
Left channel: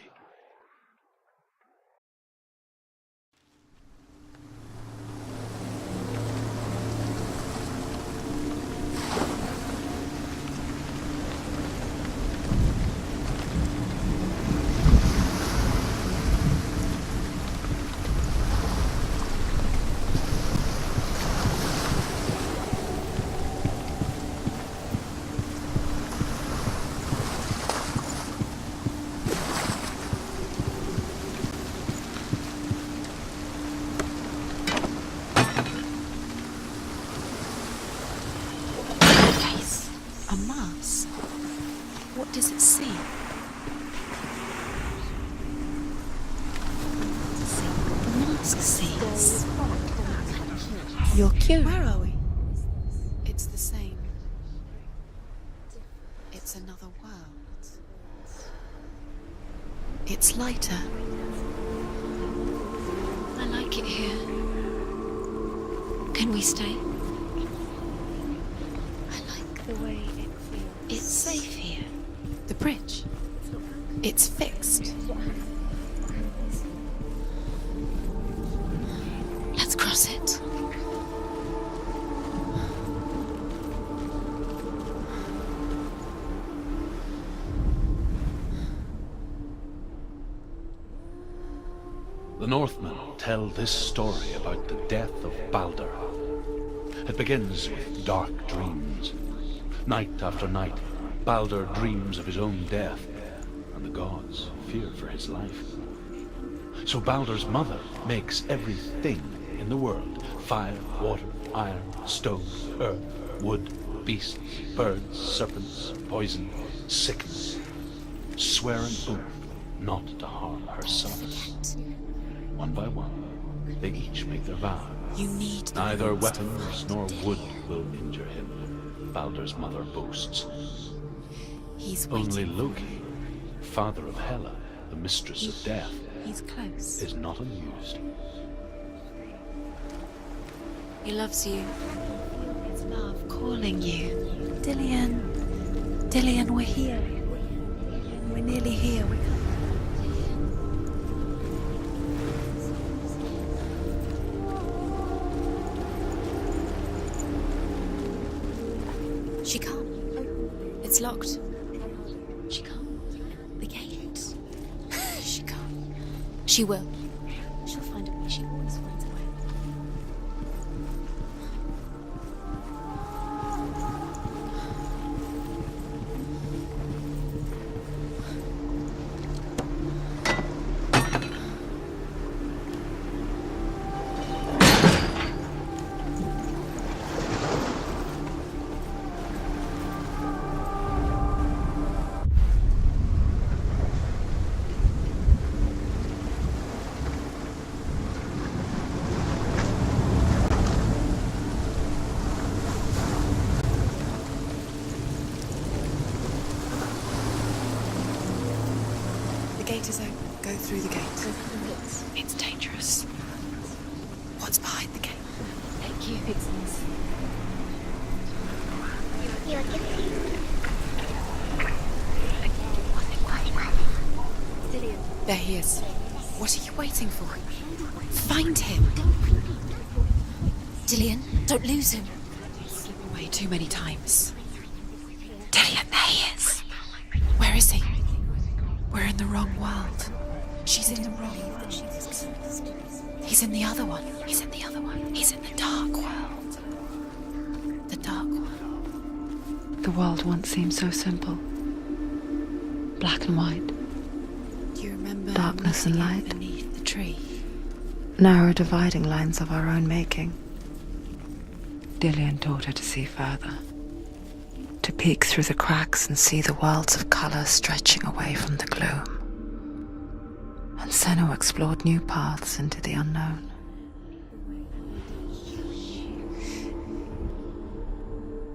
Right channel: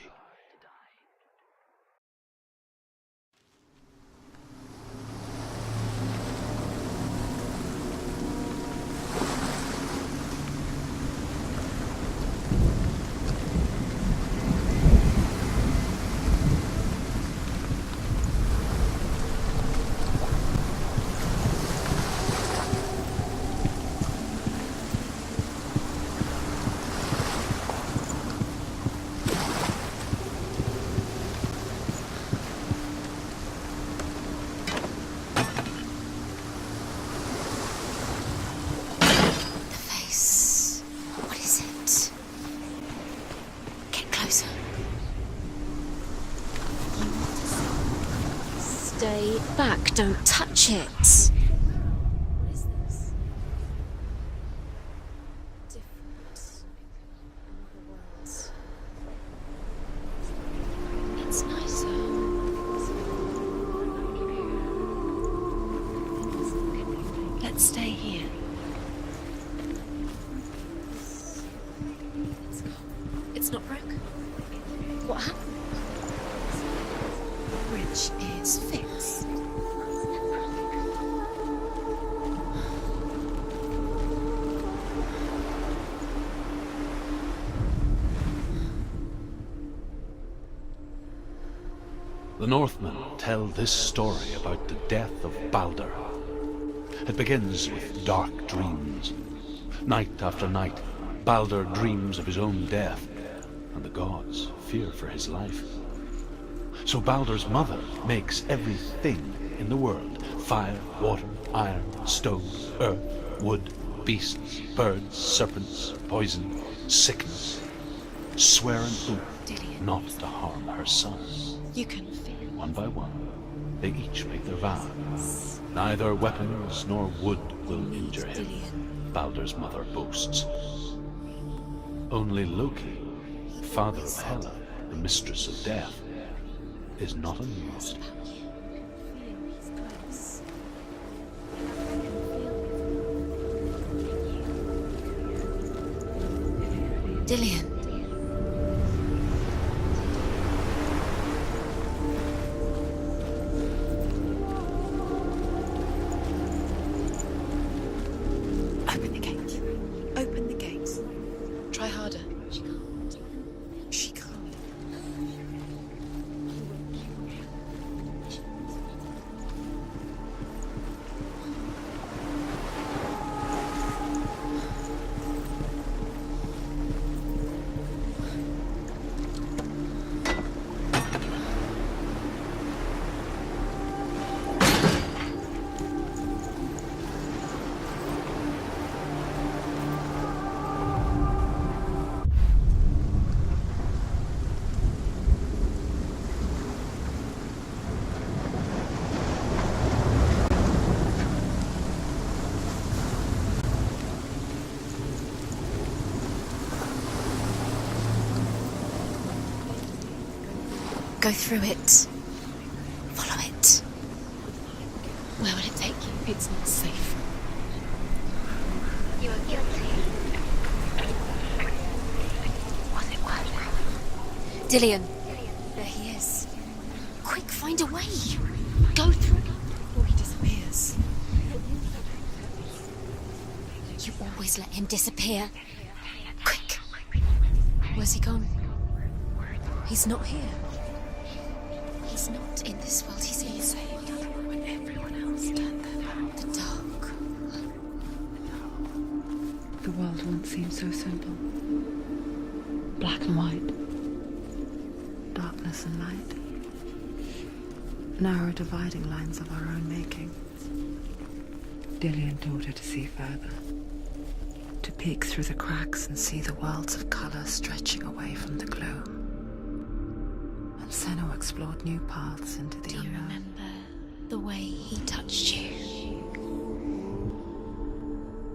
Stay back, don't touch it. You're cute. Where are we? What is this? It's the same. It's another world. It's lighter. That's nicer. I like it here. Can we stay? Let's stay here. I like the way it's safe here. The bridge. It's not broken. It's fixed. What happened? The bridge is fixed. Let's cross it. The Northmen tell this story about the death of Balder. It begins with dark dreams. Night after night, Balder dreams of his own death, and the gods fear for his life. So Balder's mother makes everything in the world: fire, water, iron, stone, earth, wood, beasts, birds, serpents, poison, sickness. Swear an oath not to harm her son. You can. One by one, they each make their vow. You need. Neither weapons nor wood will injure him, Balder's mother boasts. He's Only Loki, father of Hela, the mistress of death, He's close. is not amused. He loves you. His love calling you. Dillian. Dillian, we're here. Dillian. We're nearly here. Open the gate. She can't. Open the gate. It's locked. Try harder. She can't. The gate. She can't. She can't. She will. She'll find a way. She always finds a way. Go through it. It's dangerous. Follow it. What's behind the gate? Where will it take you? It's not safe. Was it worth? Dillian. There he is. There he is. What are you waiting for? Quick, find a way. Find him. Go through. Before he disappears. Dillian, don't lose him. Way too many times. Always let him disappear. Dillian, there he is. Quick. Where is he? Where's he gone? We're in the wrong world. He's not here. She's in the wrong. He's not in this world. He's in the other one. He's in the other one. He's in the dark world. The dark. The dark world. The world once seemed so simple. Black and white. Do you remember Darkness and light. beneath the tree? Narrow dividing lines of our own making. Dillian taught her to see further. To peek through the cracks and see the worlds of colour stretching away from the gloom. And Senua explored new paths into the unknown. The way he touched you.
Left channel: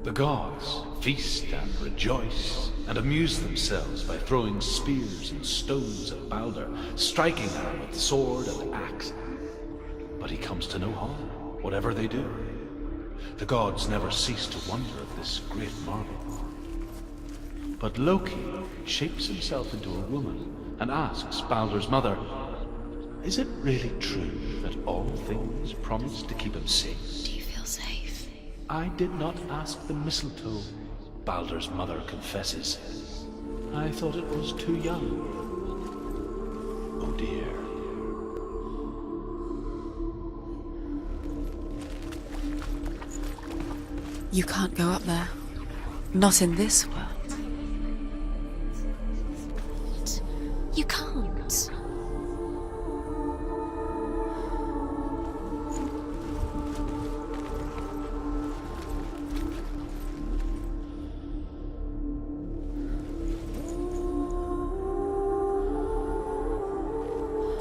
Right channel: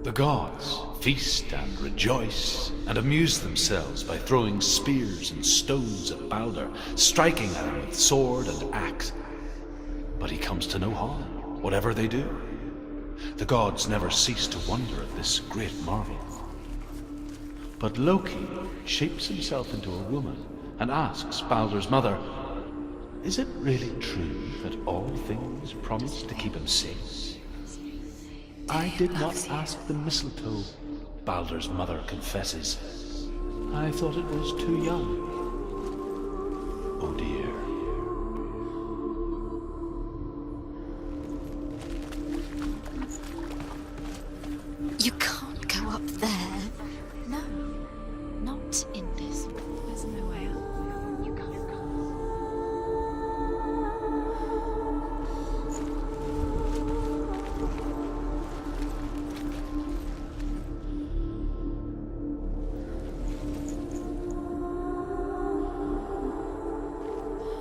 The gods feast and rejoice and amuse themselves by throwing spears and stones at Balder, striking at him with sword and axe. But he comes to no harm, whatever they do. The gods never cease to wonder at this great marvel. But Loki shapes himself into a woman and asks Balder's mother, "Is it really true that all things promise to keep him safe?" Do you feel safe? "I did not ask the mistletoe," Balder's mother confesses. "I thought it was too young." Oh dear. You can't go up You there. can't go up Not there. in this world. No. Not in this world. You can't.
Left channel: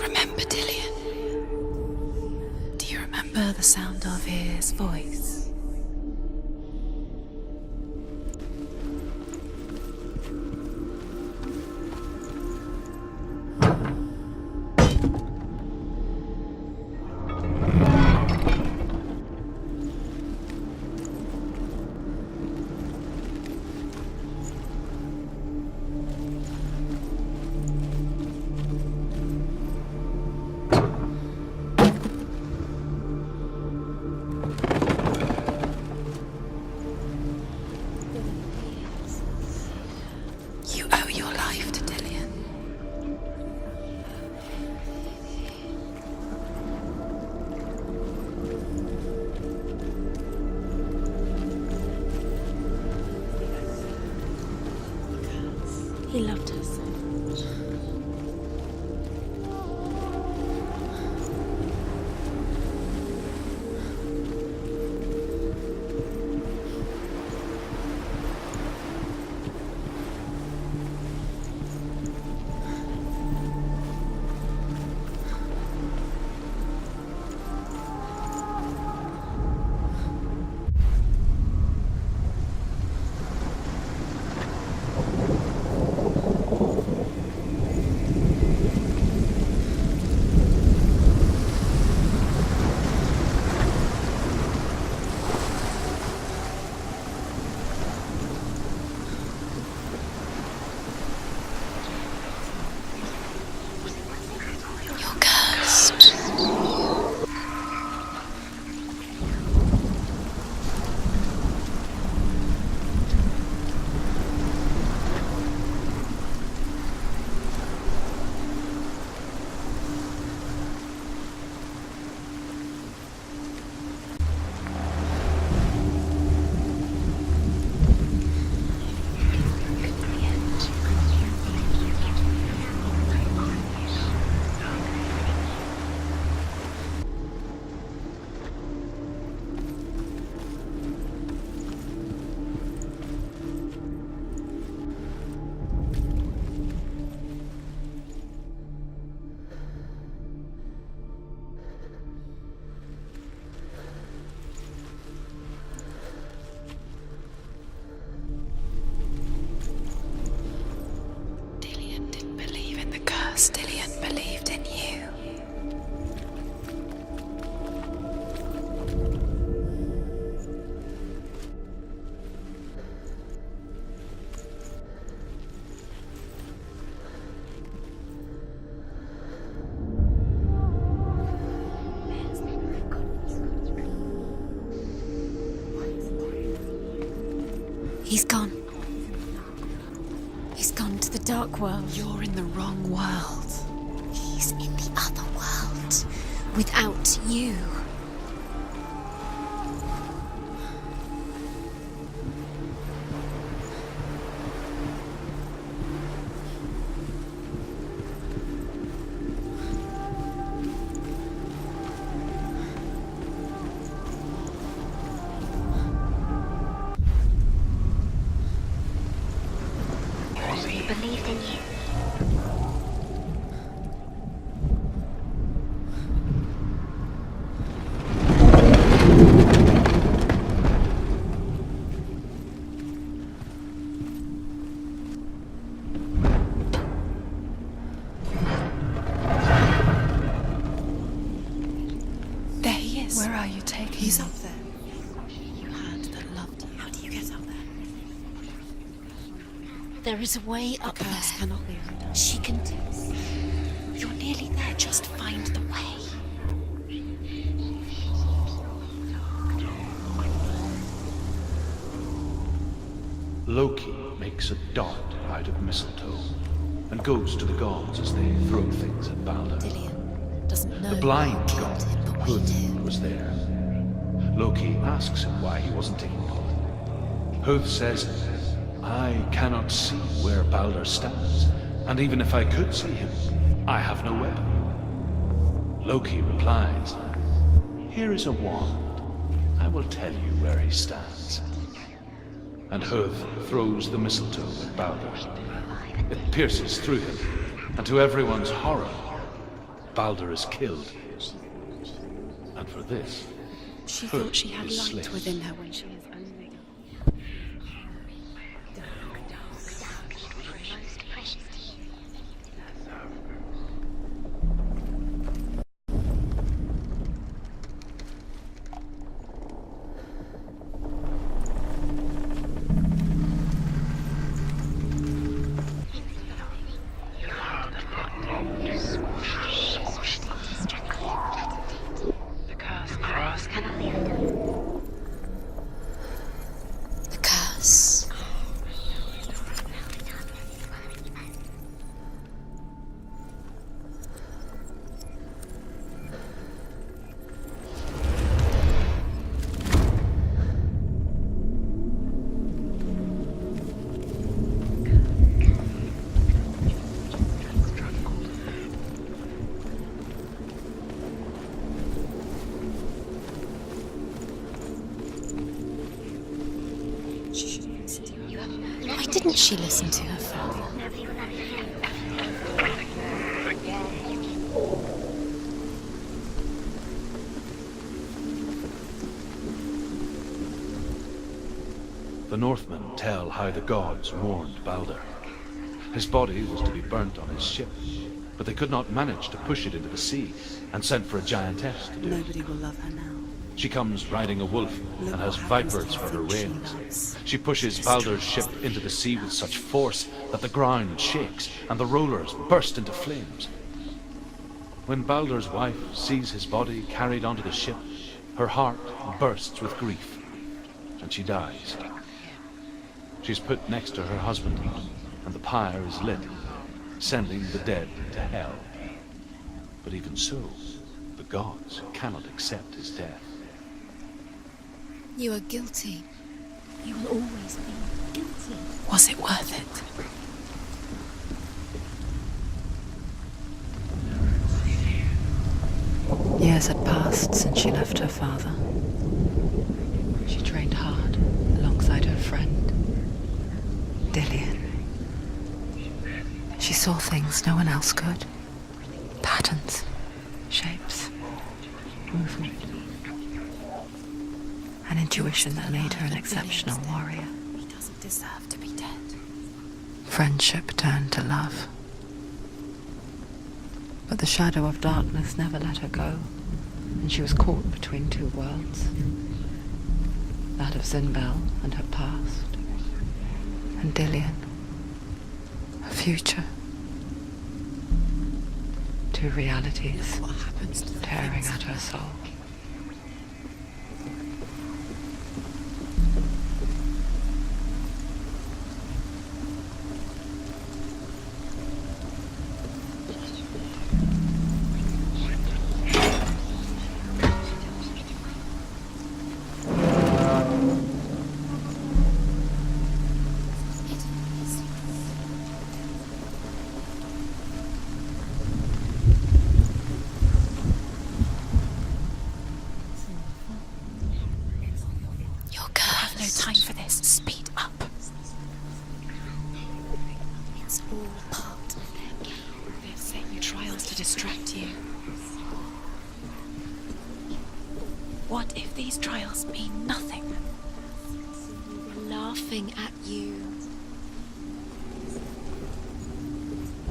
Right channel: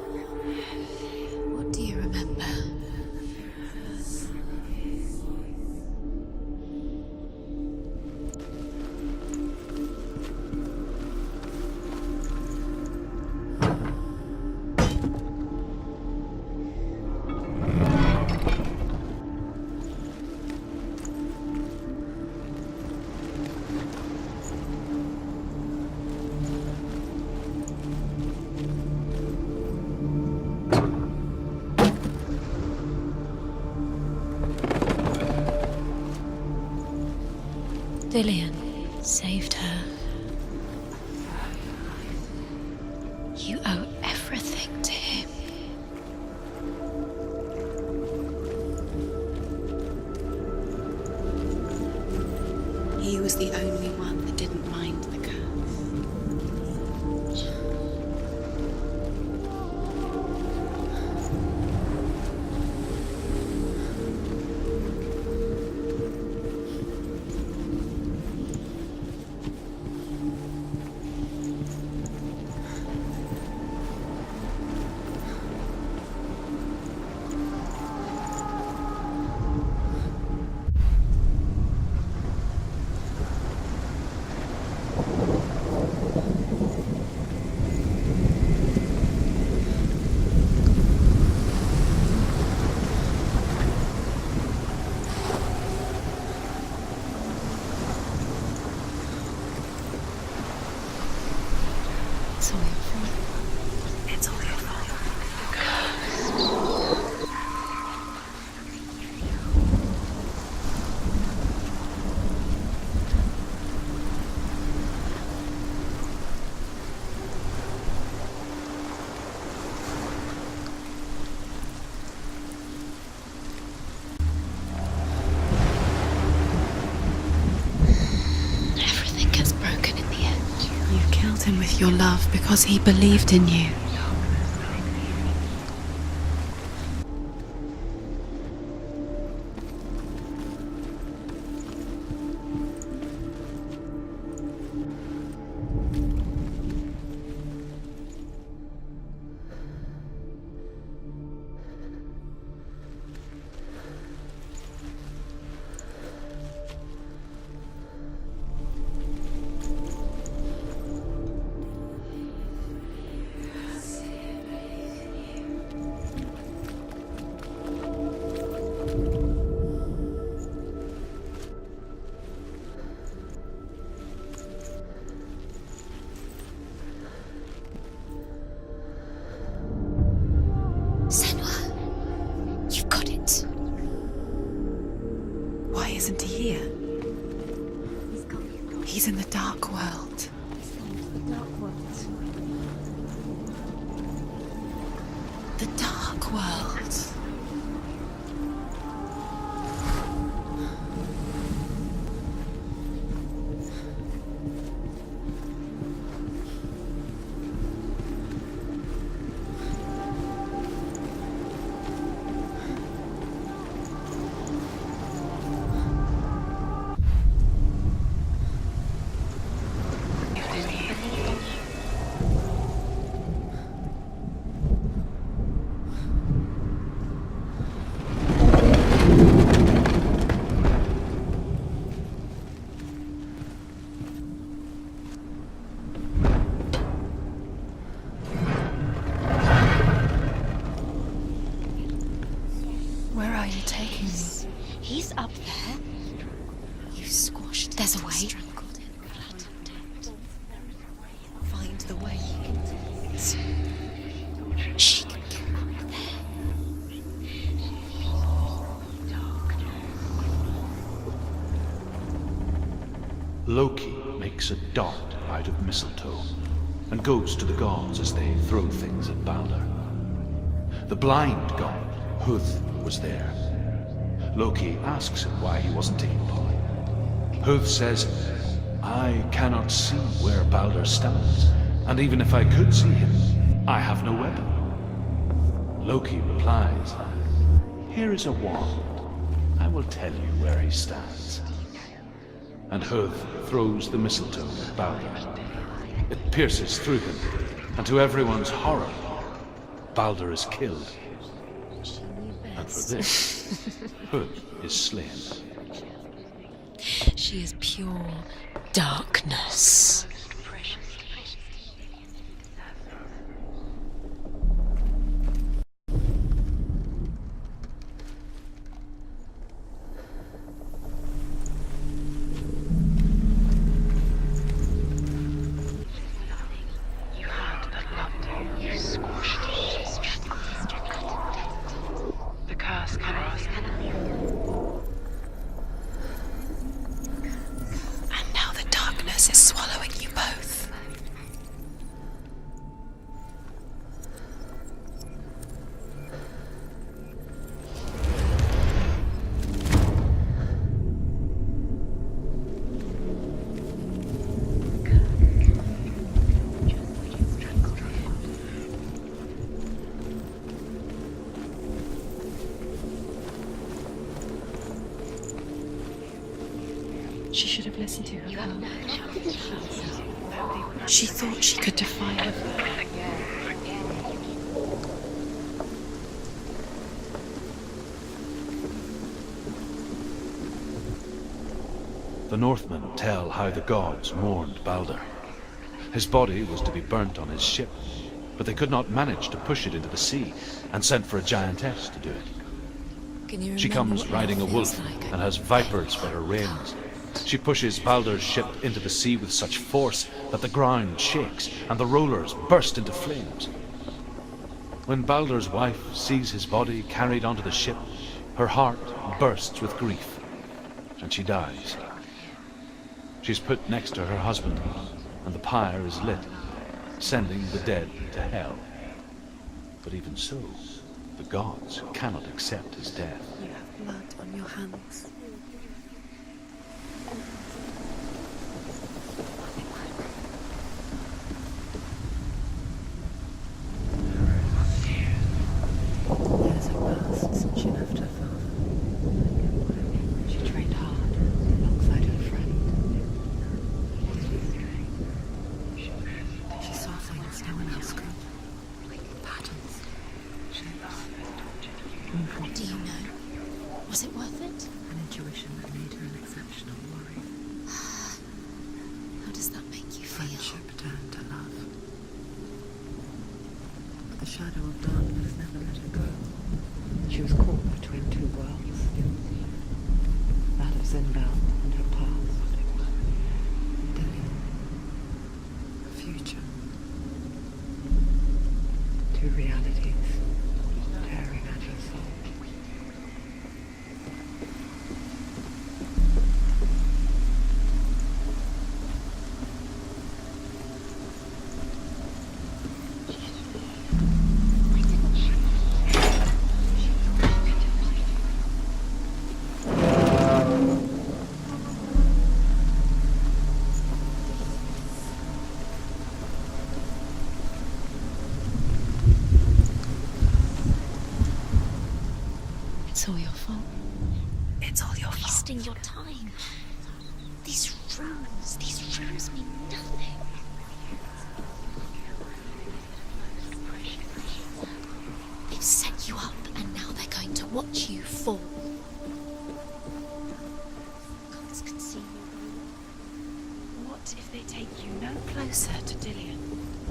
Remember Dillian. What do you remember? Do you remember the sound of his voice? Dillian saved her. You owe your life to Dillian. You owe everything to him. He was the only one that didn't mind the curse. He loved her so much. Everything gets broken in the end. You killed him with your love because he believed in you. Dillian didn't believe in the curse, Dillian. Isn't he here? He's gone. He's in the dark world. He's gone to the dark world. You're in the wrong world. He's in the other world. The dark world. Without you. Where are you taking me? He's up there. You squashed. There's a way. There is a way up there. Find the way. She can do it. You're nearly there. Just find the way. Loki makes a dart out of mistletoe and goes to the gods as they throw things at Balder. The blind god, Hood, was there. Loki asks him why he wasn't taking part. Hood says, I cannot see where Balder stands, and even if I could see him, I have no weapon. Loki replies, here is a wand. I will tell you where he stands. And Hood throws the mistletoe at Balder. It pierces through him, and to everyone's horror, Balder is killed. And for this, Hood is slain. She is pure darkness. She should have listened to her. Why didn't she listen to her? She thought she could define her. The Northmen tell how the gods mourned Balder. His body was to be burnt on his ship, but they could not manage to push it into the sea and sent for a giantess to do it. She comes riding a wolf and has vipers for her reins. She pushes Balder's ship into the sea with such force that the ground shakes and the rollers burst into flames. When Balder's wife sees his body carried onto the ship, her heart bursts with grief, and she dies. She's put next to her husband, and the pyre is lit, sending the dead to hell. But even so, the gods cannot accept his death. Blood on your hands. You are guilty. You will always be guilty. Was it worth it? Years had passed since she left her father. She trained hard alongside her friend, Dillian. She saw things no one else could. Patterns, shapes, movement. Do you know? Was it worth it? An intuition that made her an exceptional warrior. He doesn't deserve to be dead. How does that make you? Friendship turned to love. But the shadow of darkness never let her go, and she was caught between two worlds. That of Zinbel and her past, and Dillian, her future. Two realities tearing at her soul. It's all your fault. It's all your fault. Your I have no time for this. Speed up. These rules mean nothing. It's all part of They're setting trials to distract you. They've set you up, and now they're going to watch you fall. What if these trials mean nothing? Laughing at you. What if they take you no closer to Dillian?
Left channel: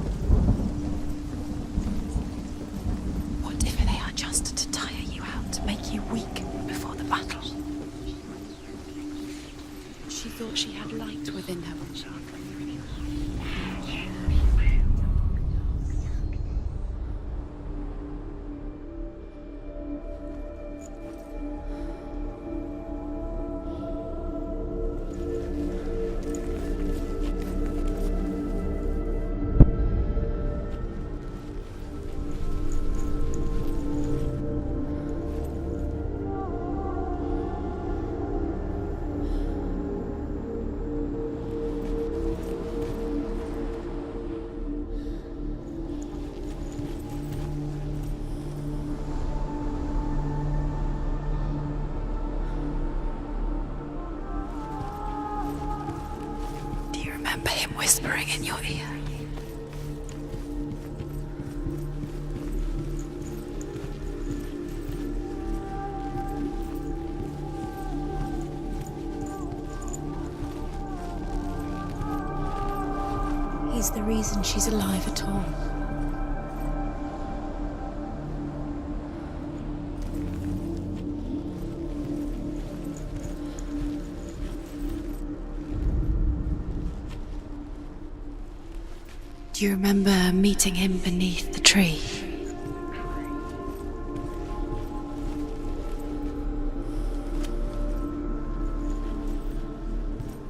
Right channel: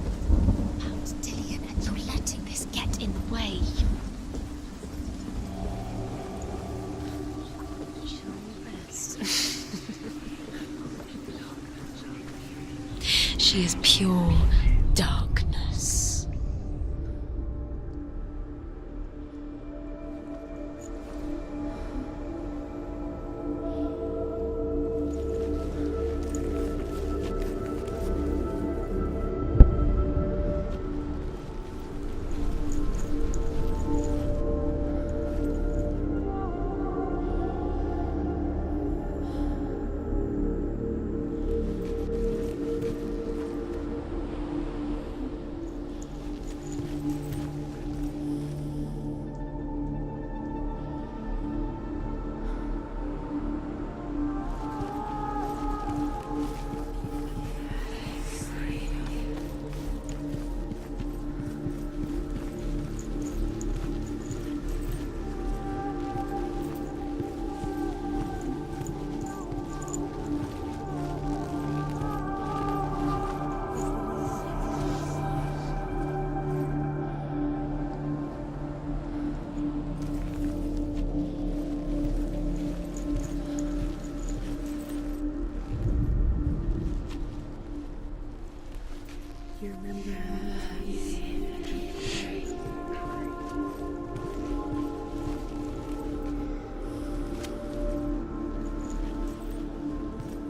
About Dillian, and you're letting this get in the way. What if they are just to tire you out, to make you weak before the battle? She thought she had light within her. She is pure darkness. Do you remember him whispering in your ear? He's the reason she's alive at all. Do you remember meeting him beneath the tree?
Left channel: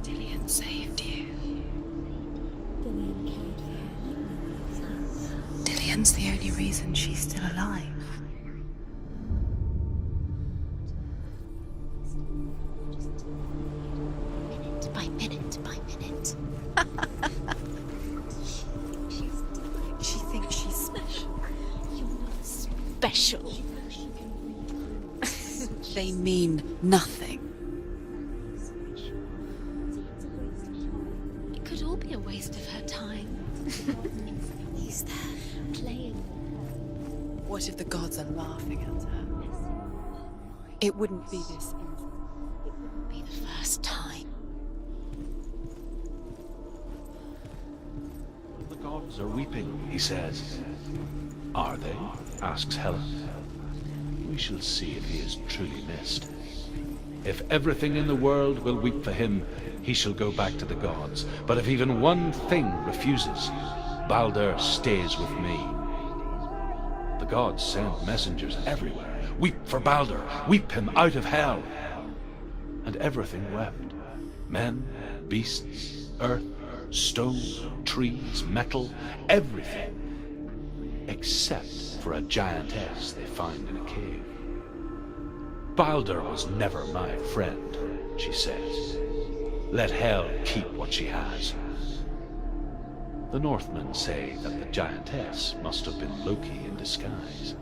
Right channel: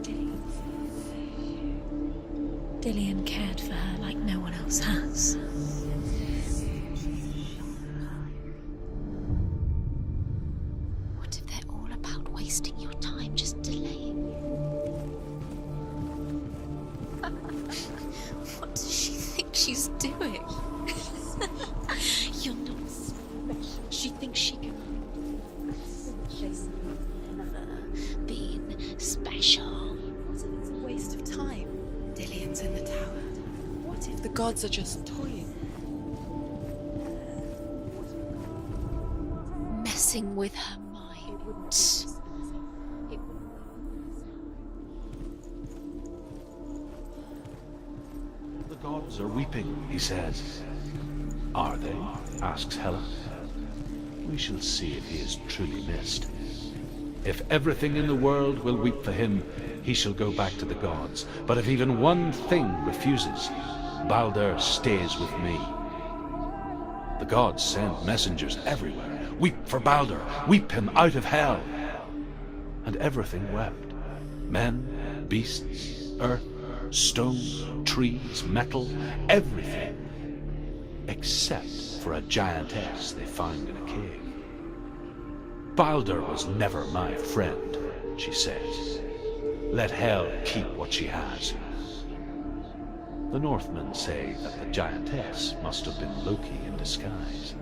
Dillian saved you. Dillian cared for her like no one else has. Dillian's the only reason she's still alive. What if they're all about wasting your time, just delaying minute by minute by minute? What does she think she's doing? You're special. She thinks she can They mean nothing. be special. Waste of time. Could all be a waste of her time. What if the gods are just Playing, What if the gods are laughing at her? messing with her. It wouldn't be mind. this. Be the first time. The gods are weeping, he says. Are they? Asks Helen. We shall see if he is truly missed. If everything in the world will weep for him, he shall go back to the gods. But if even one thing refuses, Balder stays with me. The gods send messengers everywhere. Weep for Balder, weep him out of hell. And everything wept. Men, beasts, earth, stone, trees, metal, everything. Except for a giantess they found in a cave. Balder was never my friend, she says. Let Hel keep what she has. The Northmen say that the giantess must have been Loki in disguise.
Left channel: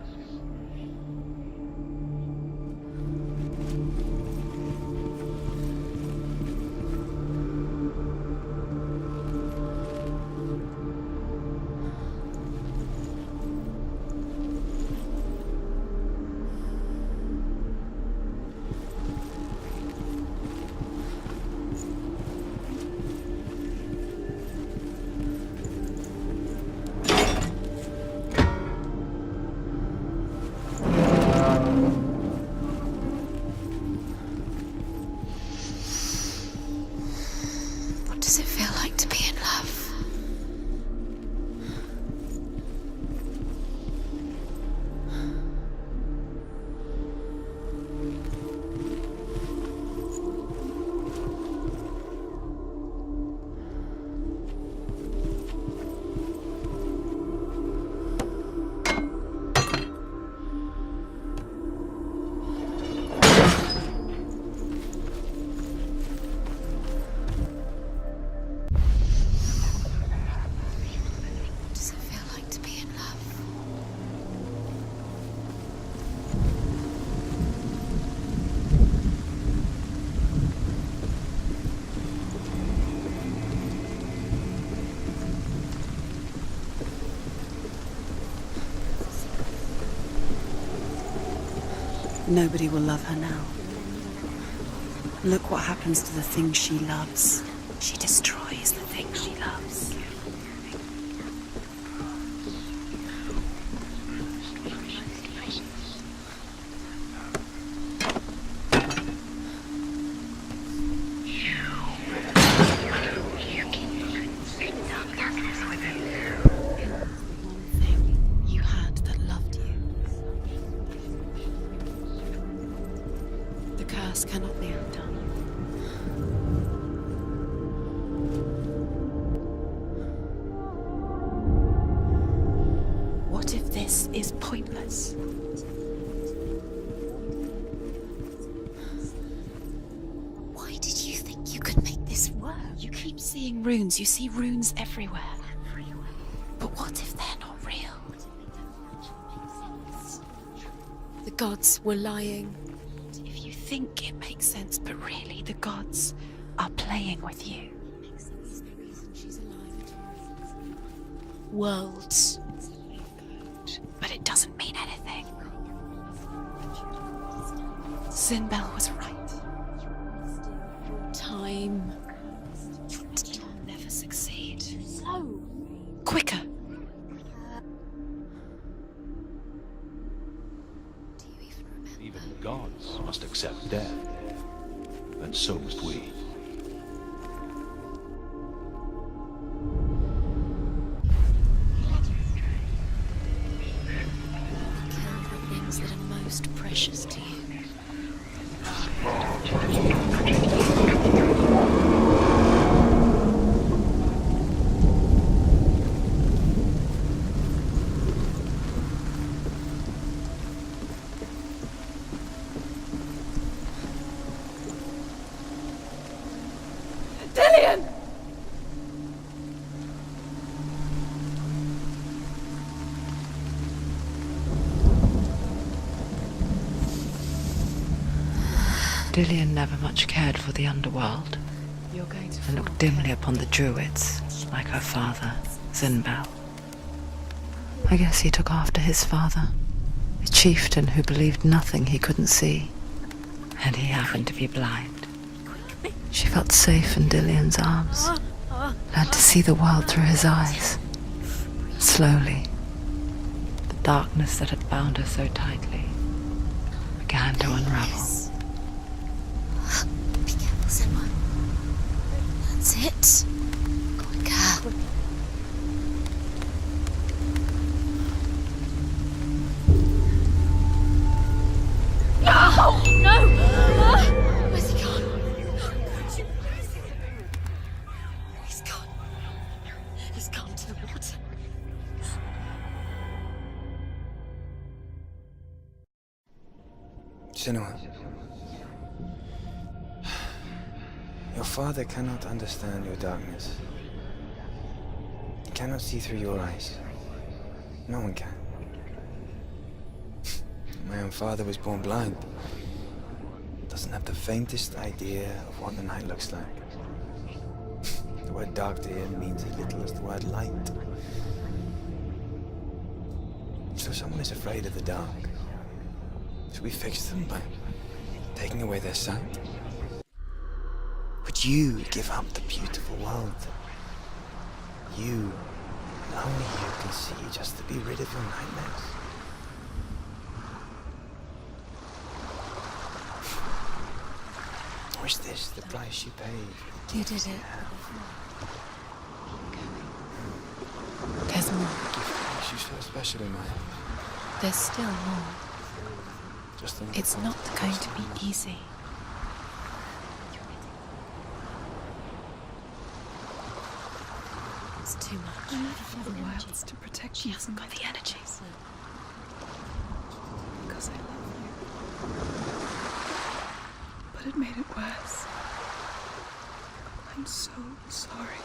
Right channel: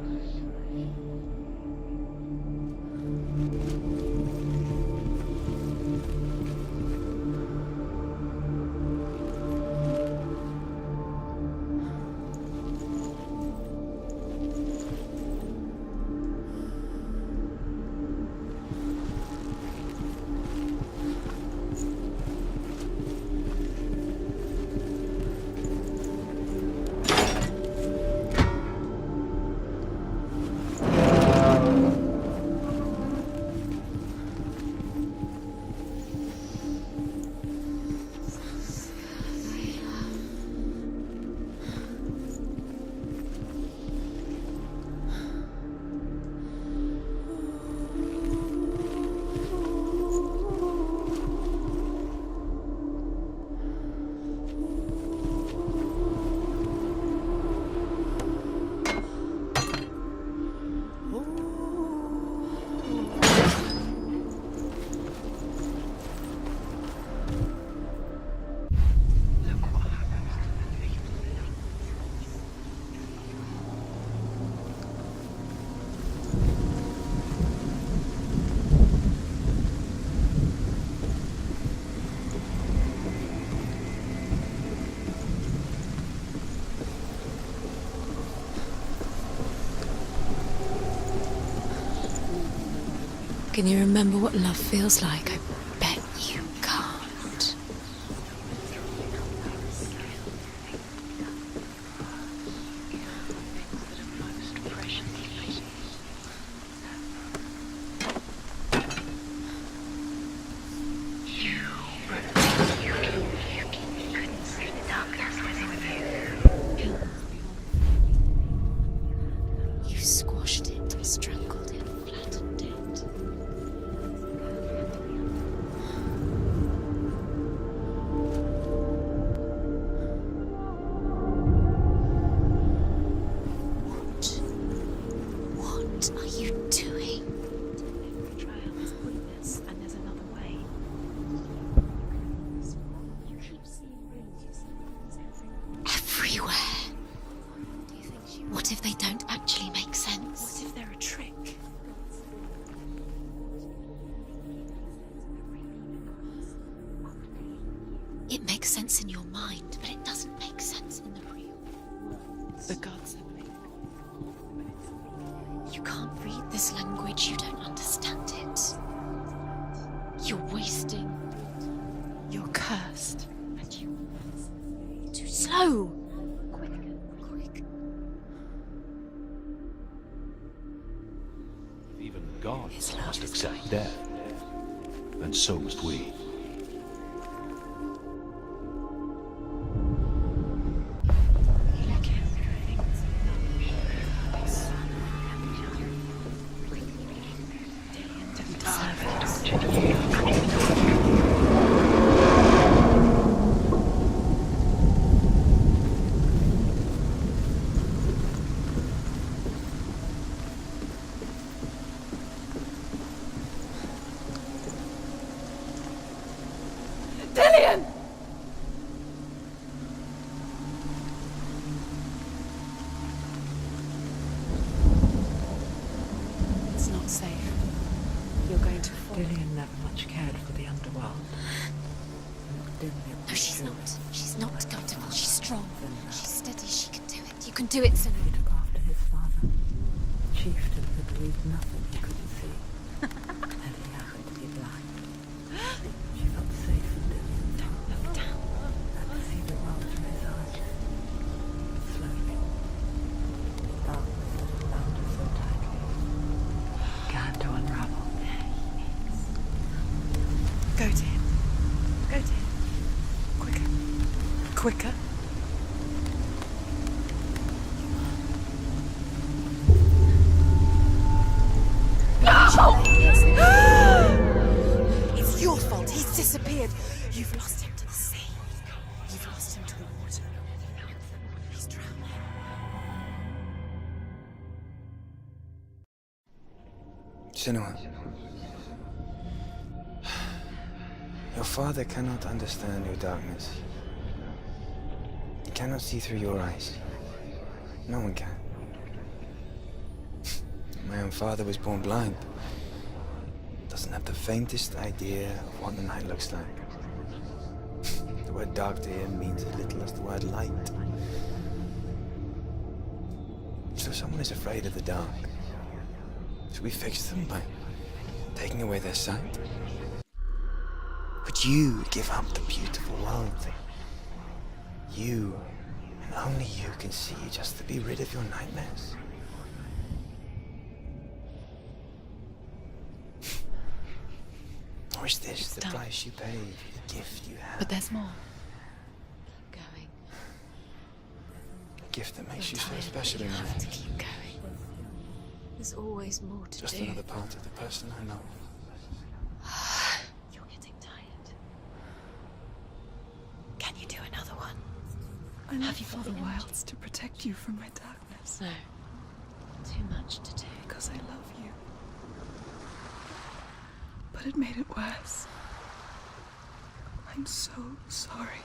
Nobody will love her now. Can you remember what love feels like? Look what happens to the things she loves. She destroys the things she loves. You had that loved you. You squashed it, strangled it, flattened it. The curse cannot be undone. What if this is pointless? What are you doing? Why did you think you could make this work? You keep seeing runes. You see runes everywhere. Everywhere? But what if they're not real? What if they don't actually make sense? What if they're a trick? The gods were lying. If you think it makes sense, but really the gods are playing with you. It makes sense in your mind, but it doesn't make sense in the real world. The gods emerge, but it doesn't mean anything. You can't read this language, you don't understand. Sinbel was right. You're wasting time. You're cursed. You'll never succeed. Slow! Quicker! Even gods must accept death. And so must we. Things that are most precious to you. Dillian! It's not safe. Dillian never much cared for the underworld You're going to and looked dimly upon the druids, like her father, Sinbel. Steady, she can do it. You can do it. I guess he took after his father, a chieftain who believed nothing he couldn't see, and he happened to be blind. She felt safe in Dillian's arms, learned to see the world through his eyes. Slowly, the darkness that had bound her so tightly began to unravel. Go, dear. Go, dear. That's it. Quicker. Quicker. Where's he gone? It's your fault. He's disappeared. You've lost him to the sea. He's gone. You've lost him to the... He's gone to the water. He's drowned. Senua. Your father cannot understand your darkness. He cannot see through your eyes. No one can. My own father was born blind. Doesn't have the faintest idea of what the night looks like. The word dark to him means as little as the word light. So someone is afraid of the dark. Should we fix them by taking away their sight? Would you give up the beautiful world that you and only you can see just to be rid of your nightmares? Or is this the price you pay for the You did gift it, you have? but there's more. There's more. A gift that makes you so special in my eyes. There's still more. There's always more to Just do. another It's part not of the going to puzzle, be I know. easy. You're getting tired. Can you do another one? It's too much. I love you for the wilds to protect you from Got the energies. No. Too much to do. because I love you. But it made it worse. I'm so sorry.